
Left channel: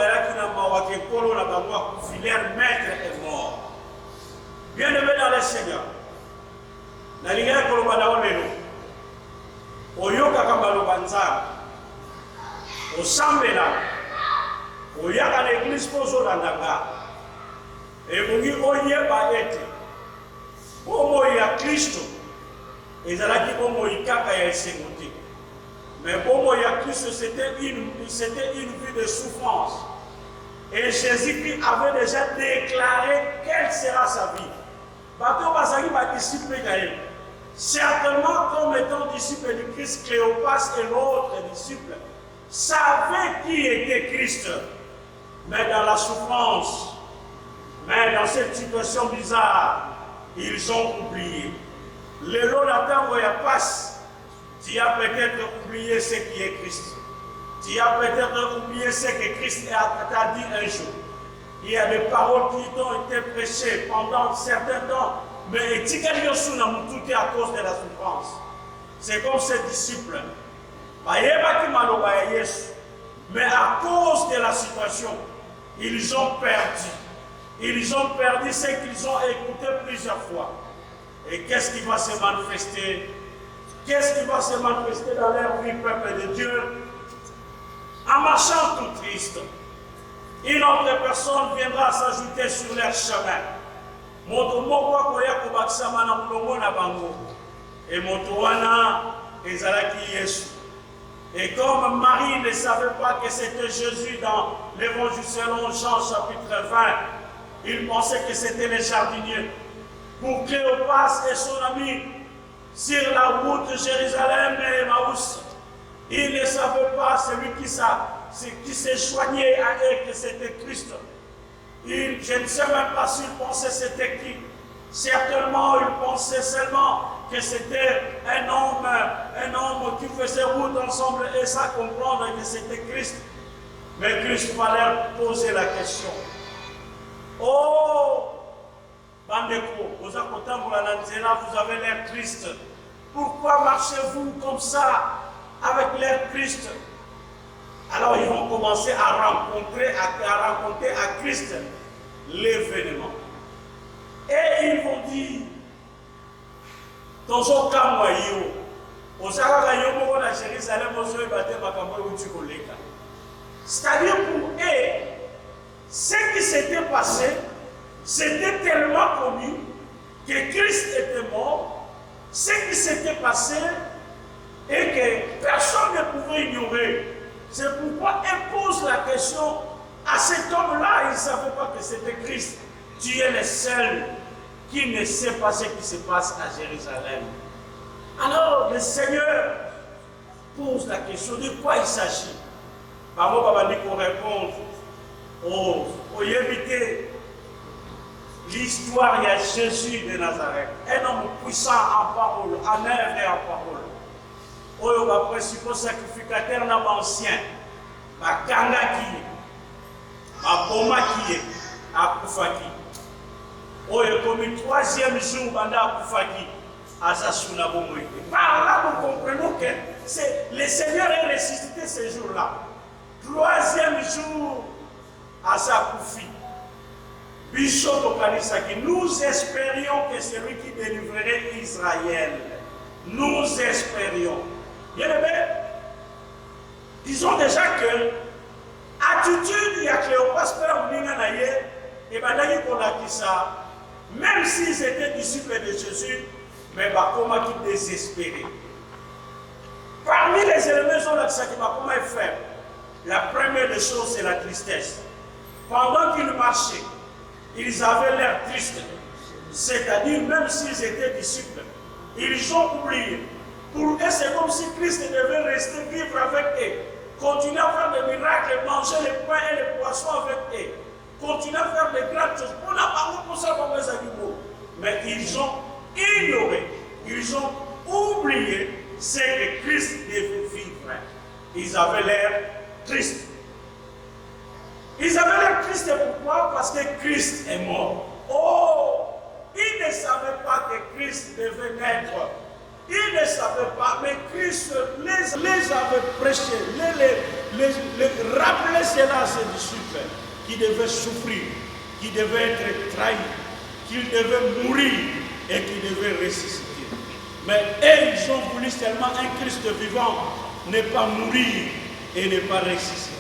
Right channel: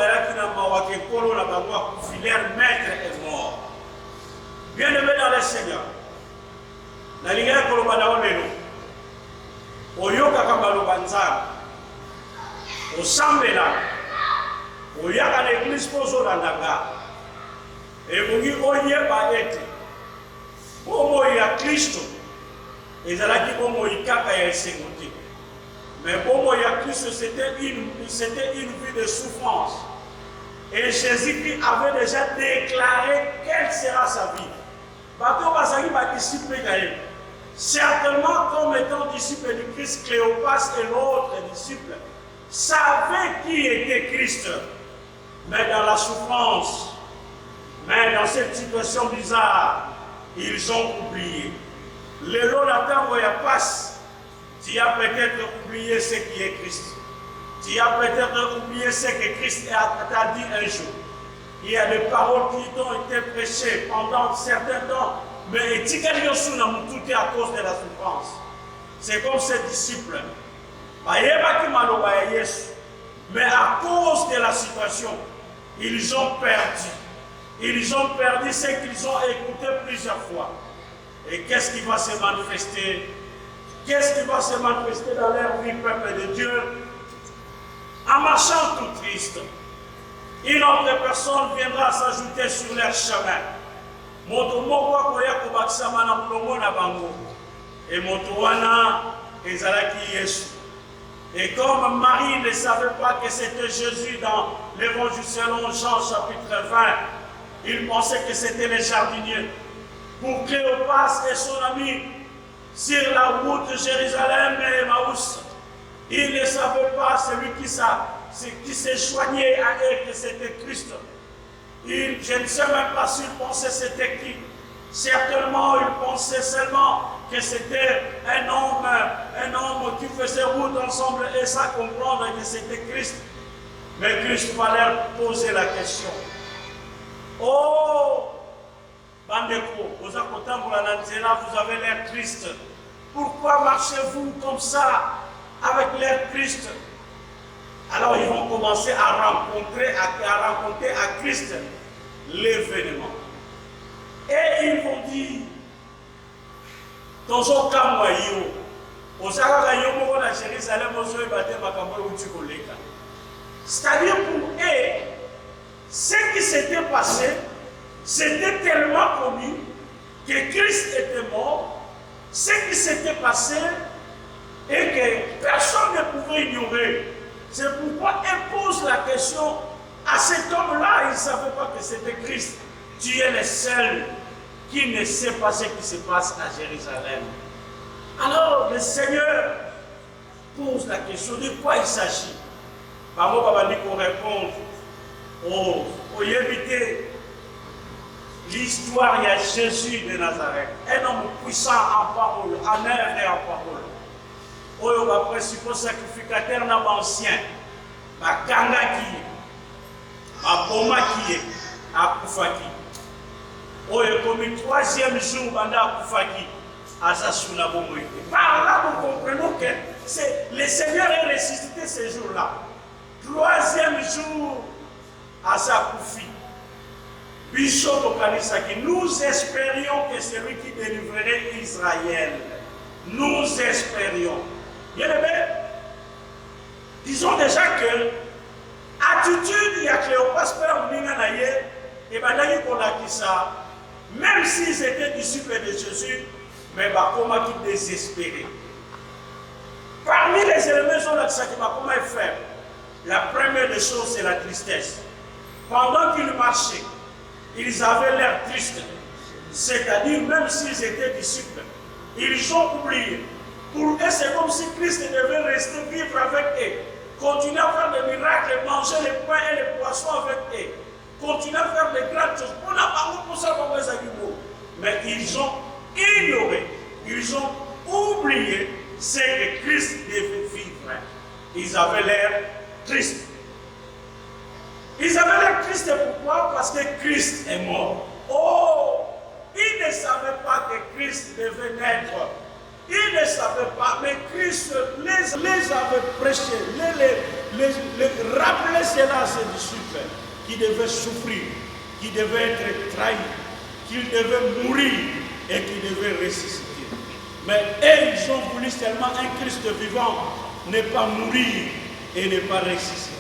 maître est mort. Bien-aimés dans le Seigneur, la ligue de Kolobana Oyoka Kamalobanza, au Sambela, au Yaka l'église Pozo Landaga, et vous dites Oye Baete, Omo ya Christo, et Zalaki Omo Ikaka ya Segote. Mais Omo ya Christo, c'était une vie de souffrance. Et Jésus-Christ avait déjà déclaré quelle sera sa vie. Bateau Basaki va disciple Gaël. Certainement, comme étant disciple du Christ, Cléopas et l'autre disciple savaient qui était Christ. Mais dans la souffrance, mais dans cette situation bizarre, ils ont oublié. Le long d'attendre, il y a passe. Tu as peut-être oublié ce qui est Christ. Tu as peut-être oublié ce que Christ t'a dit un jour. Il y a des paroles qui ont été prêchées pendant certains temps, mais tout est à cause de la souffrance. C'est comme ces disciples. Mais à cause de la situation, ils ont perdu. Ils ont perdu ce qu'ils ont écouté plusieurs fois. Et qu'est-ce qui va se manifester? Qu'est-ce qui va se manifester dans leur vie, peuple de Dieu? En marchant tout triste, une autre personne viendra s'ajouter sur leur chemin. Et Motowana ezalaki Yesu. Et comme Marie ne savait pas que c'était Jésus dans l'évangile selon Jean chapitre 20, il pensait que c'était les jardiniers. Pour Cléopas et son ami, sur la route de Jérusalem et Emmaüs, il ne savait pas celui qui s'est joigné à eux que c'était Christ. Je ne sais même pas s'il pensait que c'était qui. Certainement, il pensait seulement que c'était un homme qui faisait route ensemble et ça comprendre que c'était Christ. Mais Christ va leur poser la question. Oh, Bandeko, vous avez l'air triste. Pourquoi marchez-vous comme ça avec l'air triste? Alors ils vont commencer à rencontrer à Christ l'événement. Et ils vont dire, dans un cas moyen, c'est-à-dire pour eux, ce qui s'était passé, c'était tellement connu que Christ était mort, ce qui s'était passé et que personne ne pouvait ignorer. C'est pourquoi il pose la question à cet homme-là, il ne savait pas que c'était Christ. Tu es le seul qui ne sait pas ce qui se passe à Jérusalem. Alors le Seigneur pose la question de quoi il s'agit. Maman Babani pour répondre au éviter l'histoire, il y a Jésus de Nazareth, un homme puissant en parole, en œuvre et en parole. Oyo ba principal sacrificateur na ancien ba kanga ki ba boma ki akufaki oyo comme troisième jour banda akufaki Par là, nous comprenons que le Seigneur est ressuscité ce jour-là. Troisième jour à sa couffi. Nous espérions que c'est lui qui délivrerait Israël. Nous espérions. Bien aimé, disons déjà que attitude, il y a Cléopas, et même s'ils étaient disciples de Jésus, mais comment ils désespéraient. Parmi les éléments comment ils font, la première des choses, c'est la tristesse. Pendant qu'ils marchaient, ils avaient l'air tristes. C'est-à-dire, même s'ils étaient disciples, ils ont oublié. Pour eux, c'est comme si Christ devait rester vivre avec eux, continuer à faire des miracles, manger les pains et les poissons avec eux, continuer à faire des grandes choses. Mais ils ont ignoré, ils ont oublié ce que Christ devait vivre. Ils avaient l'air tristes. Ils avaient l'air tristes pourquoi? Parce que Christ est mort. Oh, ils ne savaient pas que Christ devait naître. Ils ne savaient pas, mais Christ les avait prêché, les rappelait cela à ses disciples, qui devaient souffrir, qui devaient être trahis, qu'ils devaient mourir et qui devaient ressusciter. Mais eux, ils ont voulu seulement un Christ vivant, ne pas mourir et ne pas ressusciter.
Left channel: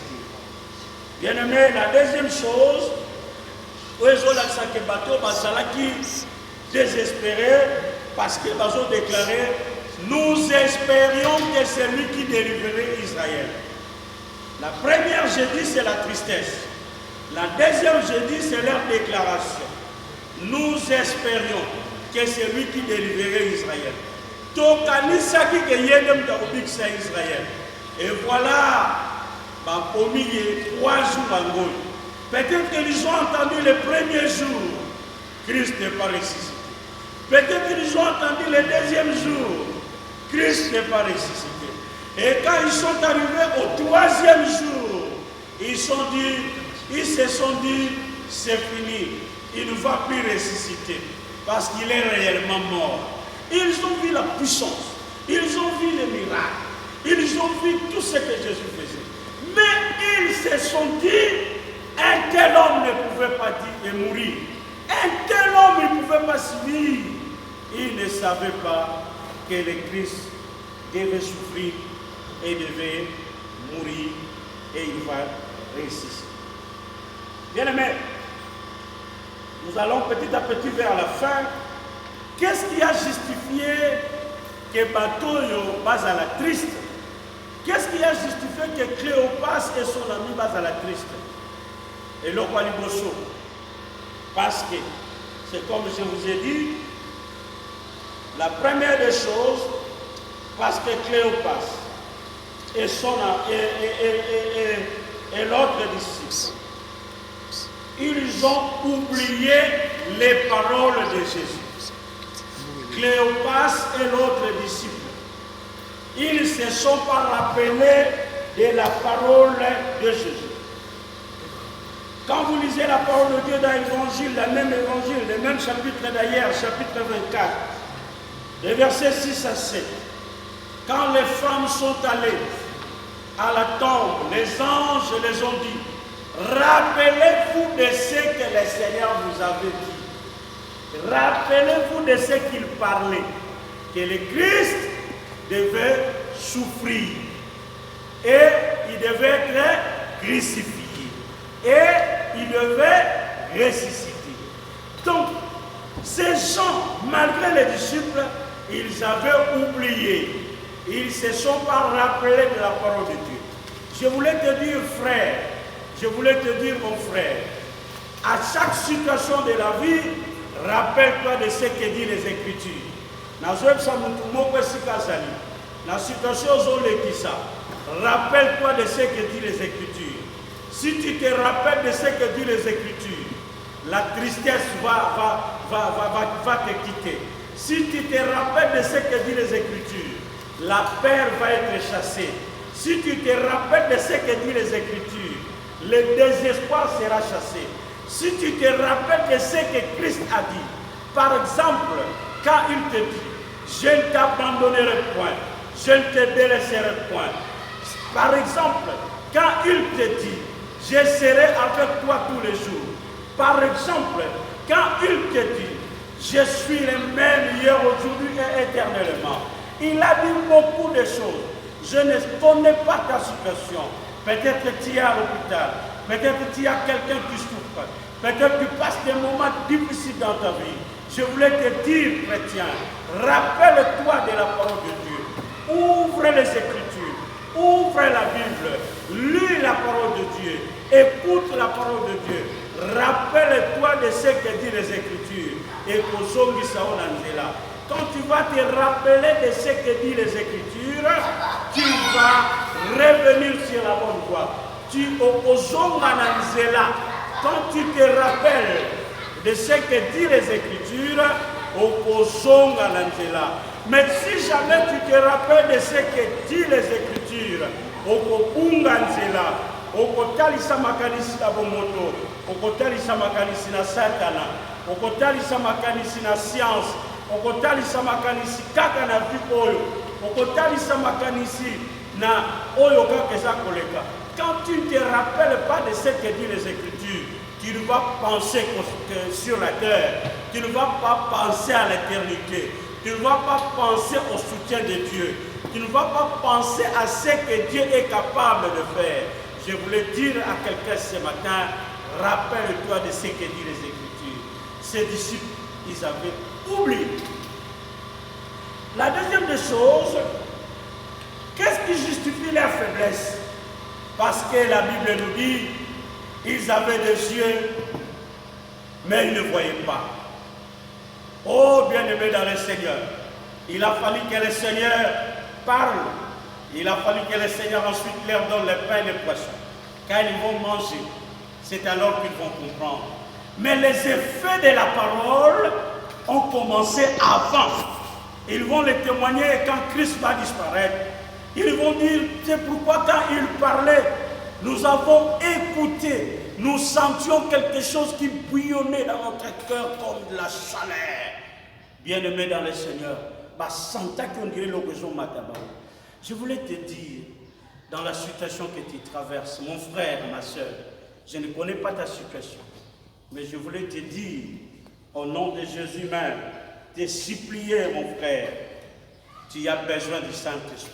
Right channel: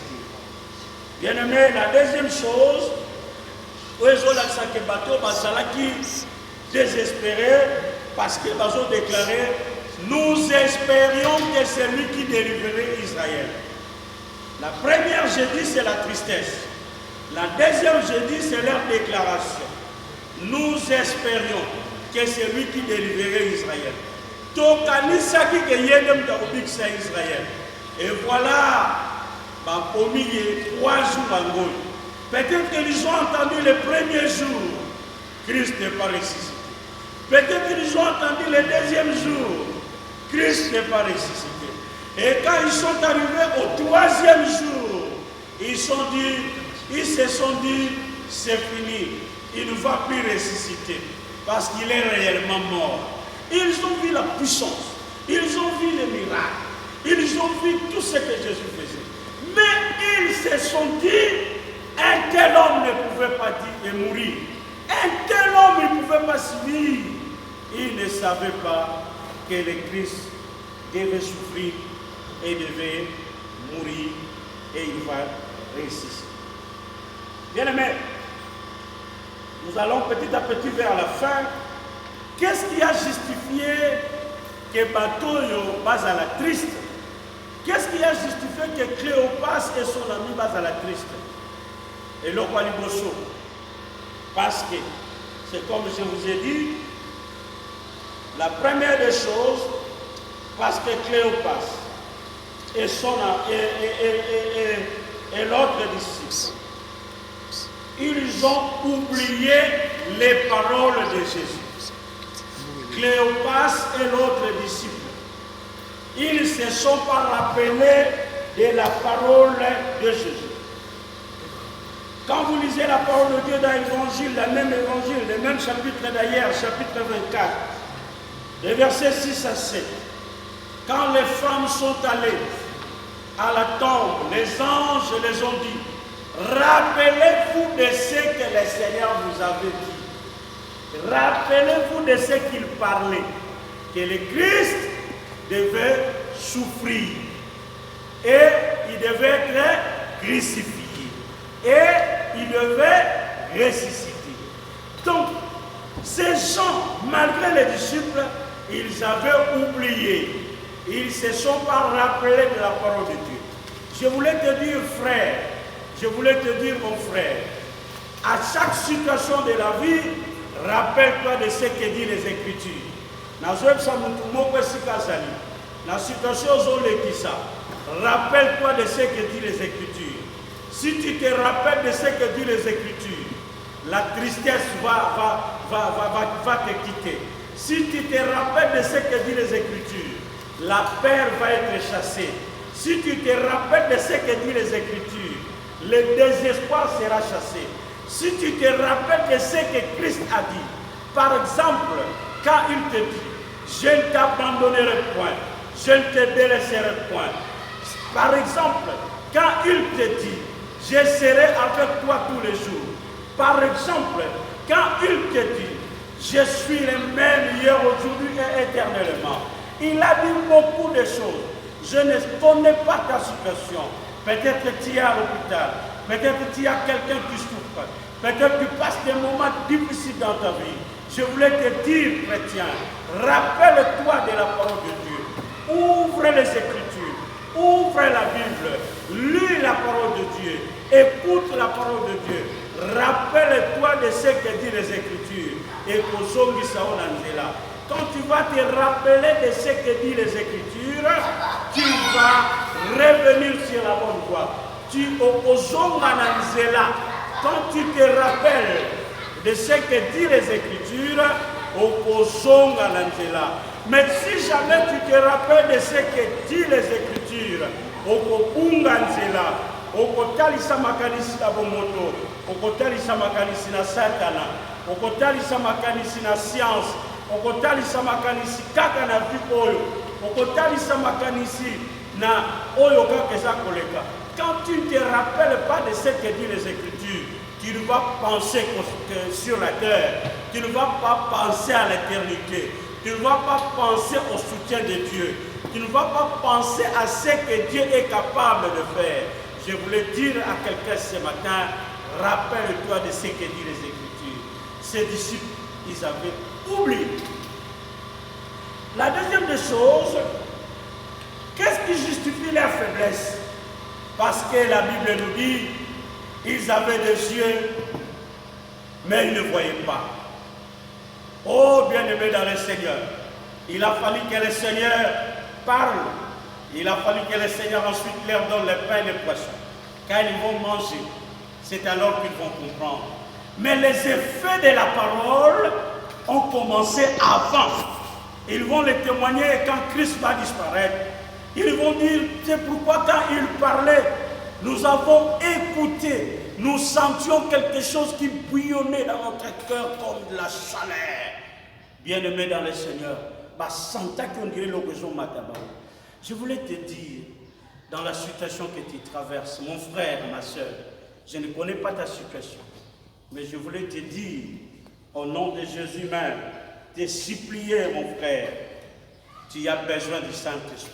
Bien aimé, la deuxième chose, qui désespéré parce qu'ils ont déclaré, nous espérions que c'est lui qui délivrerait Israël. La première, je dis, c'est la tristesse. La deuxième, je dis, c'est leur déclaration. Nous espérions que c'est lui qui délivrerait Israël. Israël. Et voilà, il y a 3 jours. Peut-être qu'ils ont entendu le premier jour, Christ n'est pas ressuscité. Peut-être qu'ils ont entendu le deuxième jour, Christ n'est pas ressuscité. Et quand ils sont arrivés au 3e jour, ils se sont dit, c'est fini, il ne va plus ressusciter, parce qu'il est réellement mort. Ils ont vu la puissance, ils ont vu les miracles, ils ont vu tout ce que Jésus faisait. Mais ils se sont dit, un tel homme ne pouvait pas dire et mourir. Un tel homme ne pouvait pas vivre. Ils ne savaient pas que le Christ devait souffrir et devait mourir et il va ressusciter. Bien aimé, nous allons petit à petit vers la fin. Qu'est-ce qui a justifié que Batoyo base à la triste? Qu'est-ce qui a justifié que Cléopas et son ami base à la triste? Et l'Okwaliboso. Parce que, c'est comme je vous ai dit, la première des choses, parce que Cléopas et l'autre disciple, ils ont oublié les paroles de Jésus. Cléopas et l'autre disciple, ils ne se sont pas rappelés de la parole de Jésus. Quand vous lisez la parole de Dieu dans l'évangile, le même chapitre d'ailleurs, chapitre 24, les versets 6 à 7, quand les femmes sont allées à la tombe, les anges les ont dit, rappelez-vous de ce que le Seigneur vous avait dit. Rappelez-vous de ce qu'il parlait, que le Christ devait souffrir et il devait être crucifié et il devait ressusciter. Donc, ces gens, malgré les disciples, ils avaient oublié. Ils ne se sont pas rappelés de la parole de Dieu. Je voulais te dire, frère, je voulais te dire, mon frère, à chaque situation de la vie, rappelle-toi de ce que disent les Écritures. La situation rappelle-toi de ce que disent les Écritures. Si tu te rappelles de ce que disent les Écritures, la tristesse va te quitter. Si tu te rappelles de ce que disent les Écritures, la peur va être chassée. Si tu te rappelles de ce que disent les Écritures, le désespoir sera chassé. Si tu te rappelles de ce que Christ a dit, par exemple, quand il te dit, je ne t'abandonnerai point, je ne te délaisserai point. Par exemple, quand il te dit, je serai avec toi tous les jours. Par exemple, quand il te dit, je suis le même hier, aujourd'hui et éternellement. Il a dit beaucoup de choses. Je ne connais pas ta situation. Peut-être que tu es à l'hôpital. Peut-être que tu as quelqu'un qui souffre. Peut-être que tu passes des moments difficiles dans ta vie. Je voulais te dire, chrétien, rappelle-toi de la parole de Dieu. Ouvre les Écritures. Ouvre la Bible. Lis la parole de Dieu. Écoute la parole de Dieu. Rappelle-toi de ce que disent les Écritures. Et quand tu vas te rappeler de ce que disent les Écritures, tu vas revenir sur la bonne voie. Quand tu te rappelles de ce que disent les Écritures, mais si jamais tu te rappelles de ce que disent les Écritures, okotalisa makanisi na bomoto, okotalisa makanisi na satana, okotalisa makanisi na science, okotalisa makanisi kaka na vie oyo, okotalisa makanisi na oyo kaka eza koleka. Quand tu ne te rappelles pas de ce que dit les Écritures, tu ne vas penser sur la terre, tu ne vas pas penser à l'éternité, tu ne vas pas penser au soutien de Dieu, tu ne vas pas penser à ce que Dieu est capable de faire. Je voulais dire à quelqu'un ce matin, rappelle-toi de ce que dit les Écritures. Ces disciples, ils avaient oublié. La deuxième des choses, qu'est-ce qui justifie leur faiblesse? Parce que la Bible nous dit, ils avaient des yeux, mais ils ne voyaient pas. Oh, bien-aimés dans le Seigneur, il a fallu que le Seigneur parle. Il a fallu que le Seigneur ensuite leur donne le pain et les poissons. Quand ils vont manger, c'est alors qu'ils vont comprendre. Mais les effets de la parole ont commencé avant. Ils vont les témoigner quand Christ va disparaître. Ils vont dire, c'est pourquoi quand il parlait, nous avons écouté, nous sentions quelque chose qui bouillonnait dans notre cœur comme de la chaleur. Bien-aimés dans le Seigneur, je voulais te dire, dans la situation que tu traverses, mon frère, ma soeur, je ne connais pas ta situation, mais je voulais te dire, au nom de Jésus même, te supplier, mon frère, tu as besoin du Saint-Esprit.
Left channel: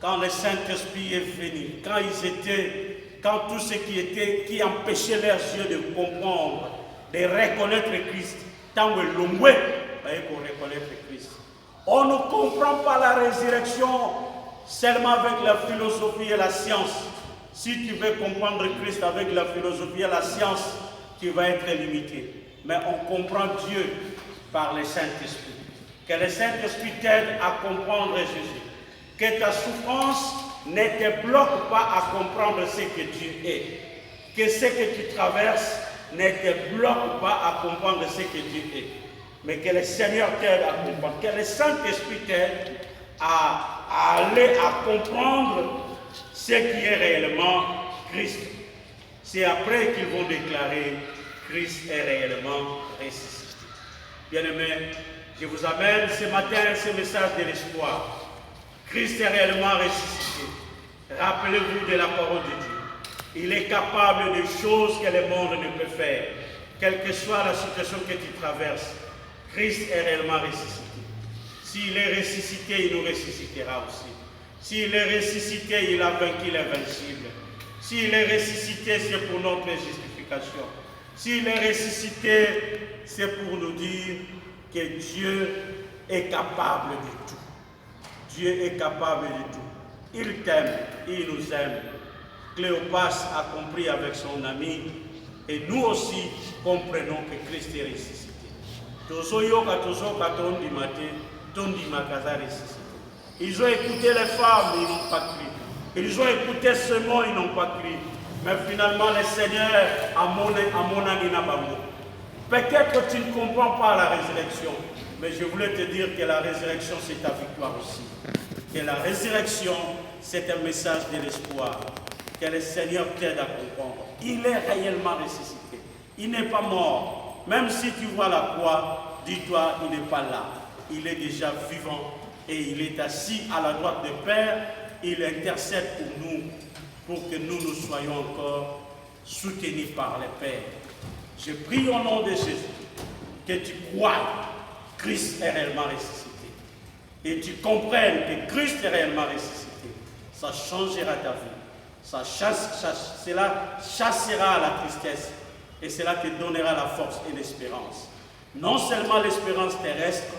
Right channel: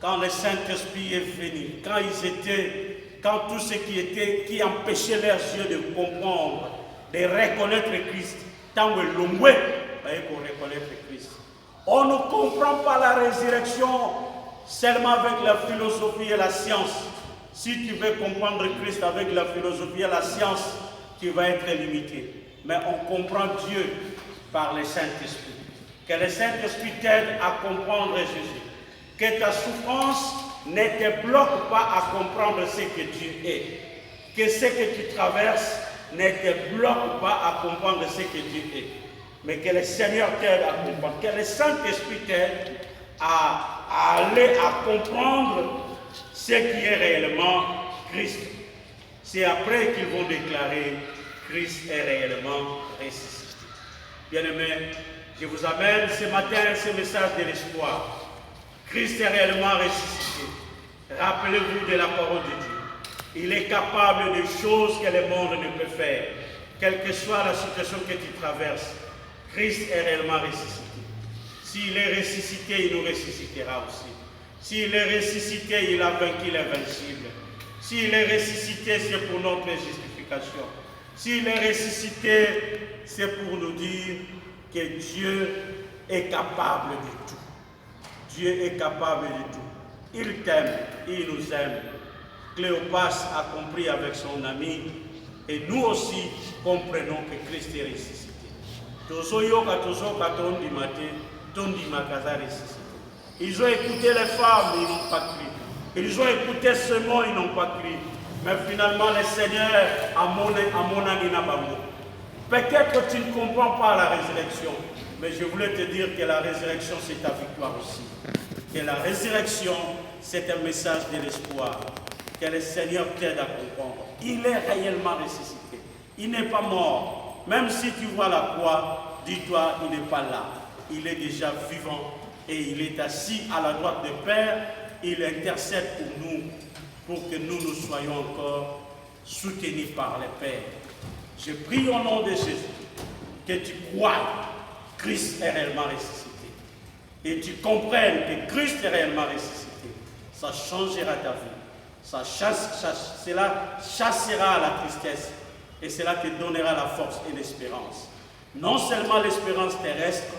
Quand le Saint-Esprit est venu, quand tout ce qui empêchait leurs yeux de comprendre, de reconnaître Christ, tant que l'homme pour reconnaître Christ. On ne comprend pas la résurrection seulement avec la philosophie et la science. Si tu veux comprendre Christ avec la philosophie et la science, tu vas être limité. Mais on comprend Dieu par le Saint-Esprit. Que le Saint-Esprit t'aide à comprendre Jésus. Que ta souffrance ne te bloque pas à comprendre ce que Dieu est. Que ce que tu traverses ne te bloque pas à comprendre ce que Dieu est. Mais que le Seigneur t'aide à comprendre. Que le Saint-Esprit t'aide à aller à comprendre ce qui est réellement Christ. C'est après qu'ils vont déclarer Christ est réellement ressuscité. Bien-aimés, je vous amène ce matin ce message de l'espoir. Christ est réellement ressuscité. Rappelez-vous de la parole de Dieu. Il est capable de choses que le monde ne peut faire. Quelle que soit la situation que tu traverses, Christ est réellement ressuscité. S'il est ressuscité, il nous ressuscitera aussi. S'il est ressuscité, il a vaincu l'invincible. S'il est ressuscité, c'est pour notre justification. S'il est ressuscité, c'est pour nous dire que Dieu est capable de tout. Dieu est capable de tout. Il t'aime, il nous aime. Cléopas a compris avec son ami, et nous aussi comprenons que Christ est ressuscité. Ils ont écouté les femmes, ils n'ont pas cru. Ils ont écouté ce mot, ils n'ont pas cru. Mais finalement, le Seigneur a mon ami. Peut-être que tu ne comprends pas la résurrection, mais je voulais te dire que la résurrection, c'est ta victoire aussi. Que la résurrection, c'est un message de l'espoir. Que le Seigneur t'aide à comprendre. Il est réellement ressuscité. Il n'est pas mort. Même si tu vois la croix, dis-toi, il n'est pas là. il est déjà vivant et il est assis à la droite du Père. Il intercède pour nous, pour que nous soyons encore soutenus par le Père. Je prie au nom de Jésus que tu crois que Christ est réellement ressuscité et tu comprennes que Christ est réellement ressuscité. Ça changera ta vie. Cela chassera la tristesse et cela te donnera la force et l'espérance. Non seulement l'espérance terrestre,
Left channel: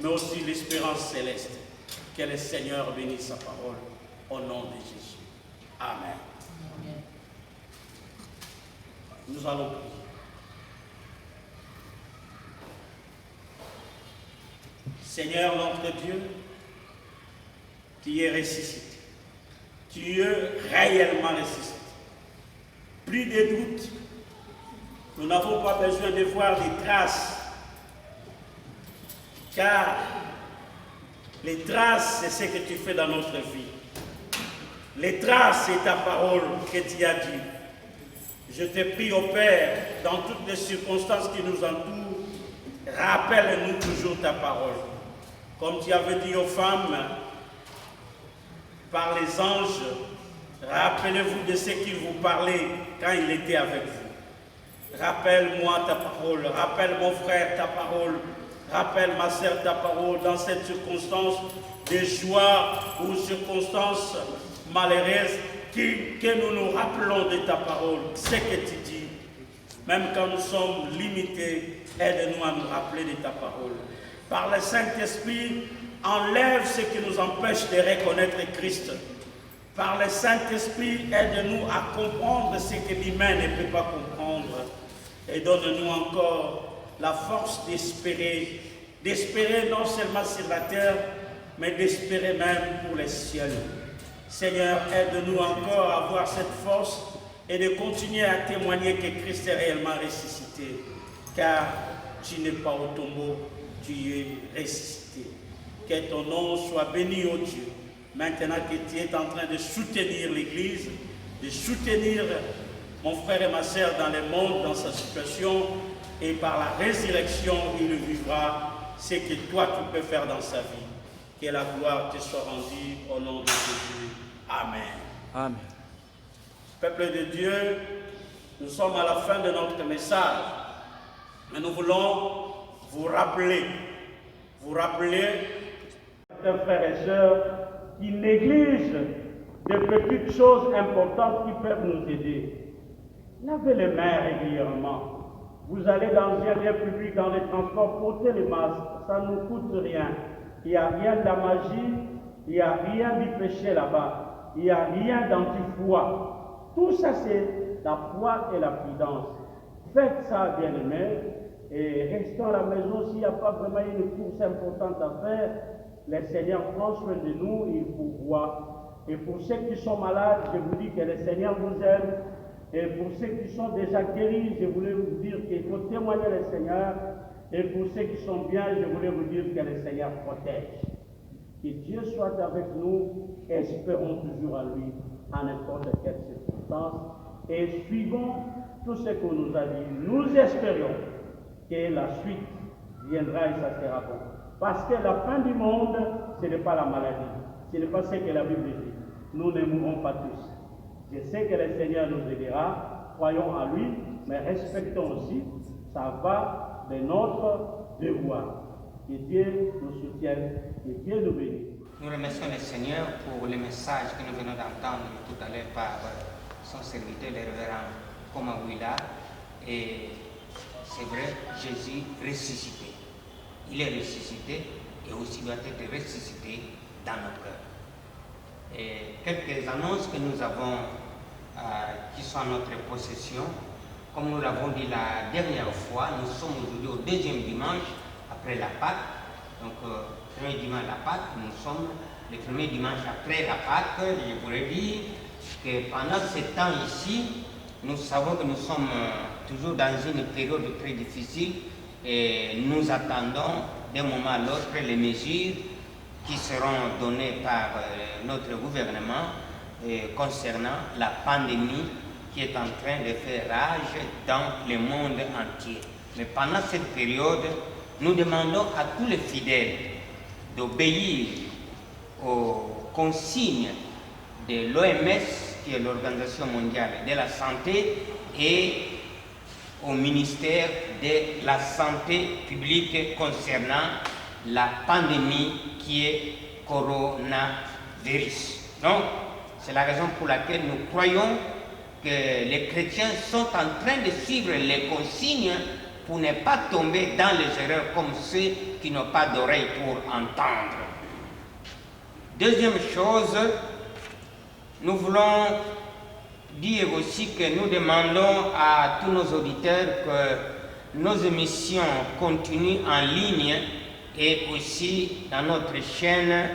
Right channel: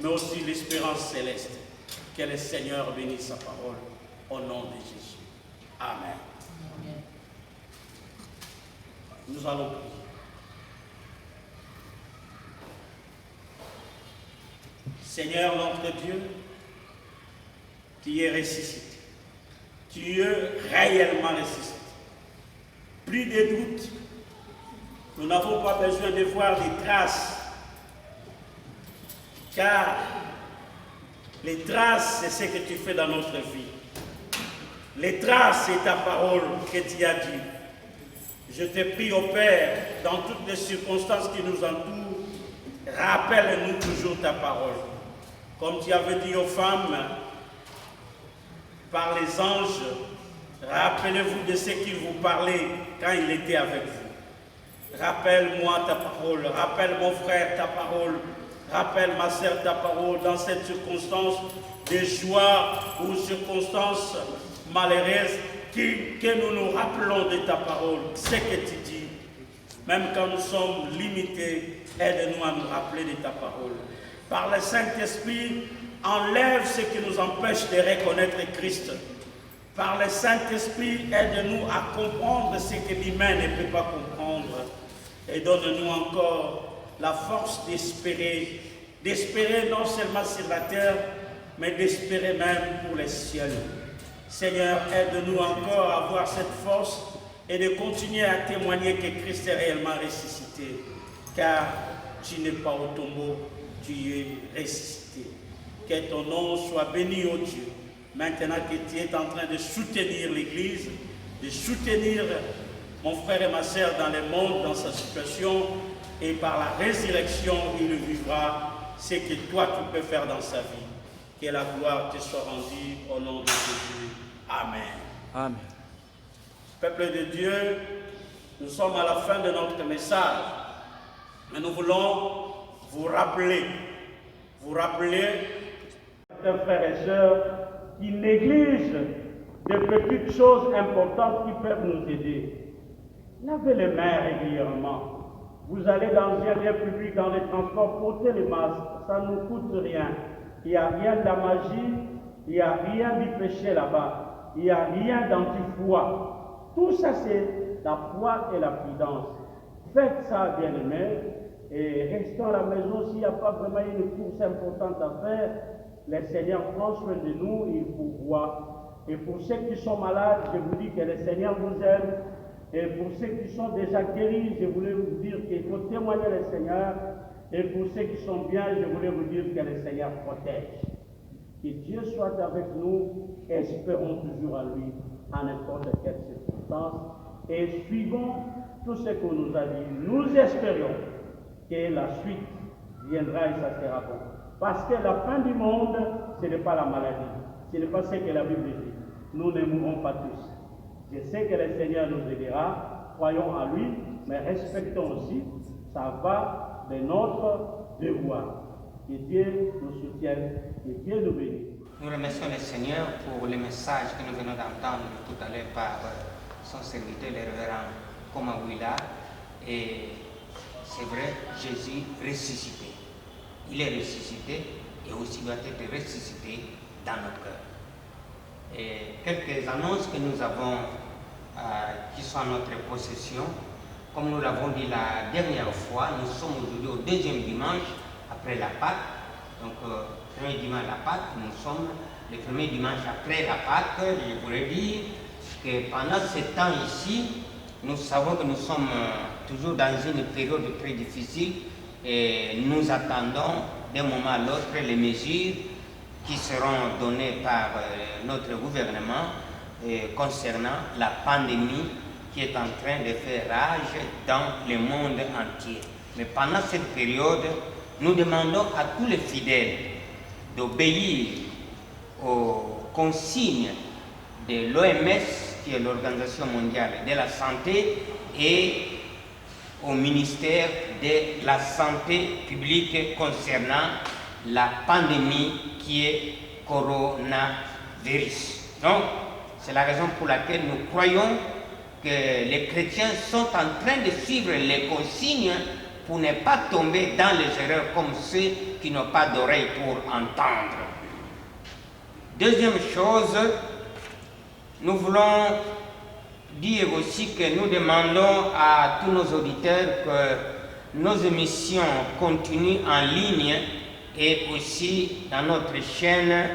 mais aussi l'espérance céleste. Que le Seigneur bénisse sa parole au nom de Jésus. Amen. Amen. Nous allons prier. Seigneur notre Dieu, tu es ressuscité. Tu es réellement ressuscité. Plus de doute. Nous n'avons pas besoin de voir des traces. Car les traces, c'est ce que tu fais dans notre vie. Les traces, c'est ta parole que tu as dit. Je te prie, ô Père, dans toutes les circonstances qui nous entourent, rappelle-nous toujours ta parole. Comme tu avais dit aux femmes, par les anges, rappelez-vous de ce qu'il vous parlait quand il était avec vous. Rappelle-moi ta parole, rappelle mon frère ta parole, rappelle ma sœur ta parole dans cette circonstance de joie ou circonstance malheureuse, que nous nous rappelons de ta parole, ce que tu dis. Même quand nous sommes limités, aide-nous à nous rappeler de ta parole. Par le Saint-Esprit, enlève ce qui nous empêche de reconnaître Christ. Par le Saint-Esprit, aide-nous à comprendre ce que l'humain ne peut pas comprendre. Et donne-nous encore la force d'espérer non seulement sur la terre, mais d'espérer même pour les cieux. Seigneur, aide-nous encore à avoir cette force et de continuer à témoigner que Christ est réellement ressuscité, car tu n'es pas au tombeau, tu es ressuscité. Que ton nom soit béni, ô Dieu, maintenant que tu es en train de soutenir l'Église, de soutenir mon frère et ma sœur dans le monde, dans sa situation, et par la résurrection, il vivra ce que toi tu peux faire dans sa vie. Que la gloire te soit rendue au nom de Jésus. Amen. Amen. Peuple de Dieu, nous sommes à la fin de notre message, mais nous voulons vous rappeler, frères et sœurs, qui négligent de petites choses importantes qui peuvent nous aider. Lavez les mains régulièrement. Vous allez dans un lieu public, dans les transports, portez les masques, ça ne nous coûte rien. Il n'y a rien de la magie, il n'y a rien du péché là-bas, il n'y a rien d'anti-foi. Tout ça, c'est la foi et la prudence. Faites ça, bien-aimés, et restons à la maison. S'il n'y a pas vraiment une course importante à faire, le Seigneur prend soin de nous, il pourvoit. Et pour ceux qui sont malades, je vous dis que le Seigneur vous aime. Et pour ceux qui sont déjà guéris, je voulais vous dire qu'il faut témoigner le Seigneur. Et pour ceux qui sont bien, je voulais vous dire que le Seigneur protège. Que Dieu soit avec nous, espérons toujours à lui, en n'importe quelle circonstance. Et suivons tout ce qu'on nous a dit. Nous espérons que la suite viendra et ça sera bon. Parce que la fin du monde, ce n'est pas la maladie. Ce n'est pas ce que la Bible dit. Nous ne mourrons pas tous. Je sais que le Seigneur nous aidera, croyons à lui, mais respectons aussi, ça va de notre devoir. Que Dieu nous soutienne, que Dieu nous bénisse. Nous remercions le Seigneur pour le message que nous venons d'entendre tout à l'heure par son serviteur, le révérend Komawila. Et c'est vrai, Jésus ressuscité. Il est ressuscité et aussi doit être ressuscité dans nos cœurs. Et quelques annonces que nous avons qui sont à notre possession. Comme nous l'avons dit la dernière fois, nous sommes aujourd'hui au deuxième dimanche après la Pâque. Donc, premier dimanche de la Pâque, nous sommes le premier dimanche après la Pâque. Je voudrais dire que pendant ce temps ici, nous savons que nous sommes toujours dans une période très difficile et nous attendons d'un moment à l'autre les mesures qui seront données par notre gouvernement concernant la pandémie qui est en train de faire rage dans le monde entier. Mais pendant cette période, nous demandons à tous les fidèles d'obéir aux consignes de l'OMS, qui est l'Organisation mondiale de la santé, et au ministère de la Santé publique concernant la pandémie qui est coronavirus. Donc, c'est la raison pour laquelle nous croyons que les chrétiens sont en train de suivre les consignes pour ne pas tomber dans les erreurs comme ceux qui n'ont pas d'oreilles pour entendre. Deuxième chose, nous voulons dire aussi que nous demandons à tous nos auditeurs que nos émissions continuent en ligne et aussi dans notre chaîne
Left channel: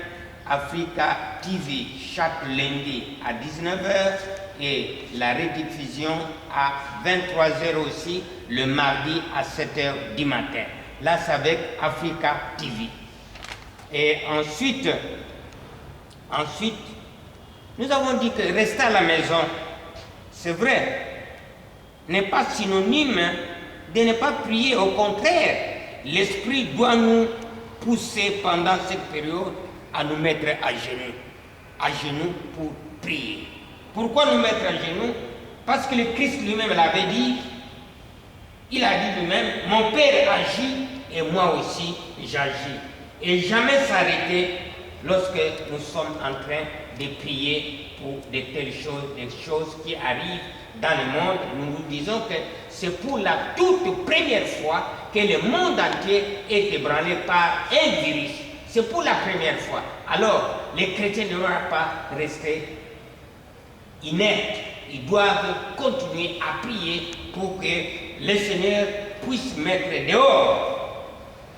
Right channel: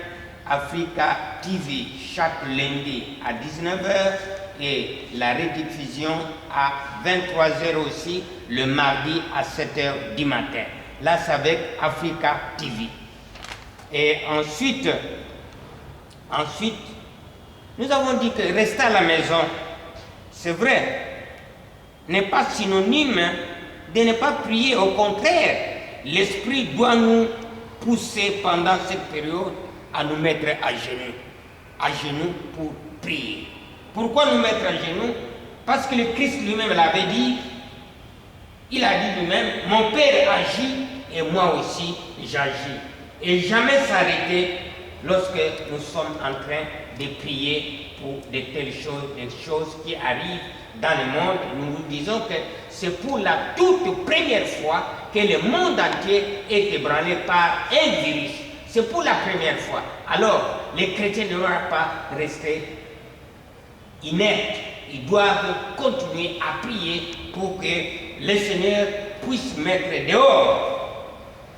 Africa TV chaque lundi à 19h et la rediffusion à 23h aussi le mardi à 7h du matin. Là, c'est avec Africa TV. Et ensuite, nous avons dit que rester à la maison, c'est vrai, n'est pas synonyme de ne pas prier. Au contraire, l'Esprit doit nous pousser pendant cette période à nous mettre à genoux pour prier. Pourquoi nous mettre à genoux? Parce que le Christ lui-même l'avait dit. Il a dit lui-même, mon Père agit et moi aussi j'agis. Et jamais s'arrêter lorsque nous sommes en train de prier pour de telles choses, des choses qui arrivent dans le monde. Nous nous disons que c'est pour la toute première fois que le monde entier est ébranlé par un virus. C'est pour la première fois. Alors, les chrétiens ne doivent pas rester inertes. Ils doivent continuer à prier pour que le Seigneur puisse mettre dehors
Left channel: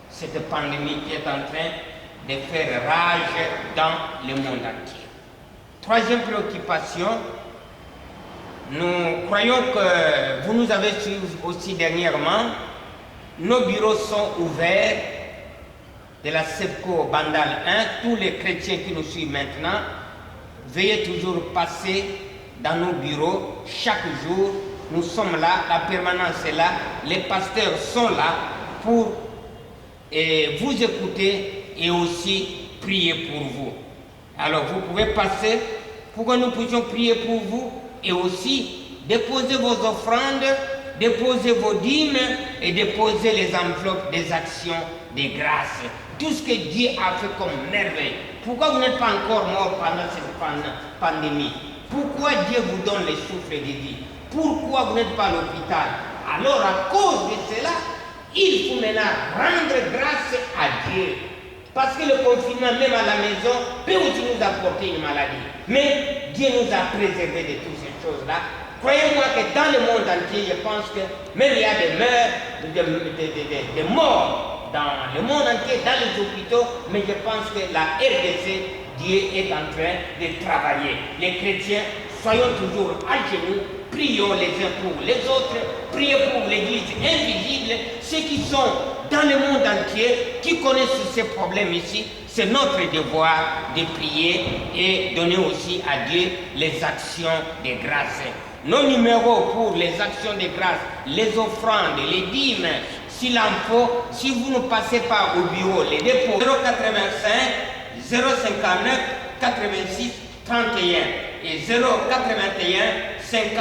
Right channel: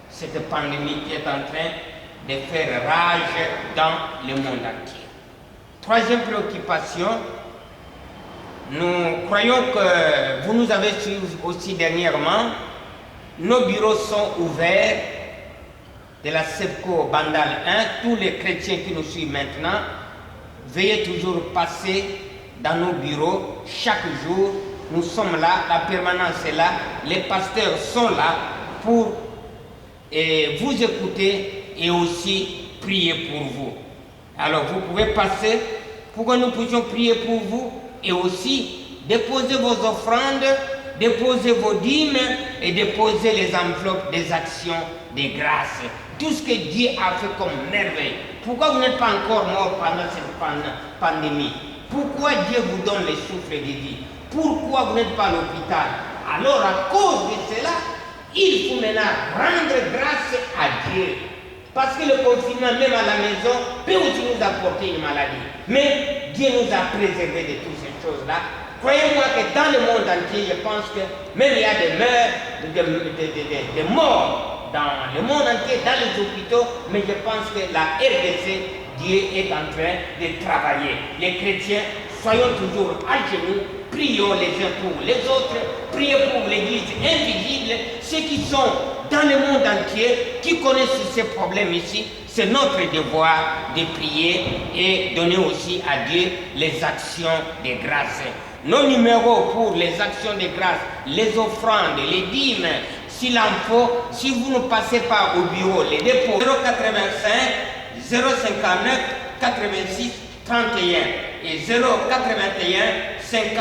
cette pandémie qui est en train de faire rage dans le monde entier. Troisième préoccupation, nous croyons que vous nous avez suivis aussi dernièrement. Nos bureaux sont ouverts de la SEPCO Bandal 1. Tous les chrétiens qui nous suivent maintenant, veuillez toujours passer dans nos bureaux chaque jour. Nous sommes là, la permanence est là, les pasteurs sont là pour vous écouter et aussi prier pour vous. Alors vous pouvez passer pour que nous puissions prier pour vous et aussi déposer vos offrandes, déposer vos dîmes et déposer les enveloppes des actions de grâce. Tout ce que Dieu a fait comme merveille. Pourquoi vous n'êtes pas encore mort pendant cette pandémie? Pourquoi Dieu vous donne les souffles de vie? Pourquoi vous n'êtes pas à l'hôpital? Alors à cause de cela, il faut maintenant rendre grâce à Dieu. Parce que le confinement, même à la maison, peut aussi nous apporter une maladie. Mais Dieu nous a préservés de toutes ces choses-là. Croyez-moi que dans le monde entier, je pense que même il y a des morts dans le monde entier, dans les hôpitaux, mais je pense que la RDC, Dieu est en train de travailler. Les chrétiens, soyons toujours à genoux, prions les uns pour les autres, prions pour l'Église invisible, ceux qui sont dans le monde entier, qui connaissent ces problèmes ici. C'est notre devoir de prier et donner aussi à Dieu les actions de grâce. Nos numéros pour les actions de grâce, les offrandes, les dîmes, s'il en faut, si vous ne passez pas au bureau, les dépôts 085 059 86 31 et 081 50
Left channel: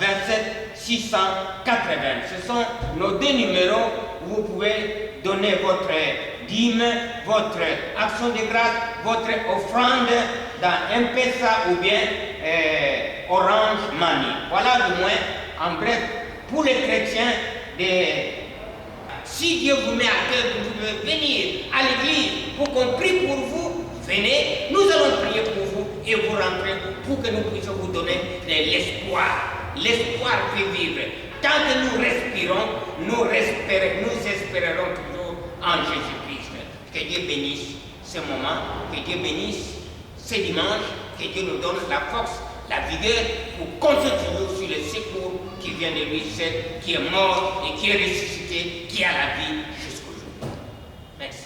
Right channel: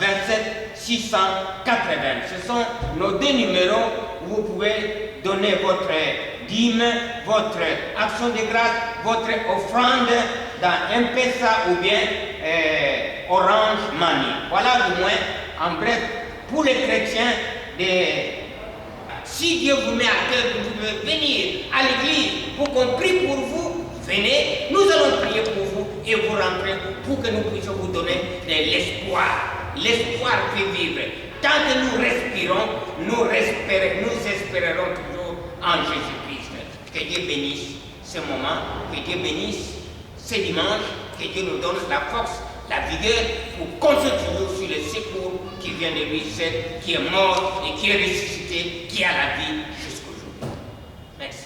27 680. Ce sont nos deux numéros où vous pouvez donner votre dîme, votre action de grâce, votre offrande dans M-Pesa ou bien Orange Money. Voilà du moins, en bref, pour les chrétiens, si Dieu vous met à cœur que vous devez venir à l'église pour qu'on prie pour vous, venez, nous allons prier pour vous et vous rentrez pour que nous puissions vous donner l'espoir. L'espoir fait vivre. Tant que nous respirons, nous espérerons toujours en Jésus-Christ. Que Dieu bénisse ce moment, que Dieu bénisse ce dimanche, que Dieu nous donne la force, la vigueur pour compter toujours sur le secours qui vient de lui seul, qui est mort et qui est ressuscité, qui a la vie jusqu'au jour. Merci.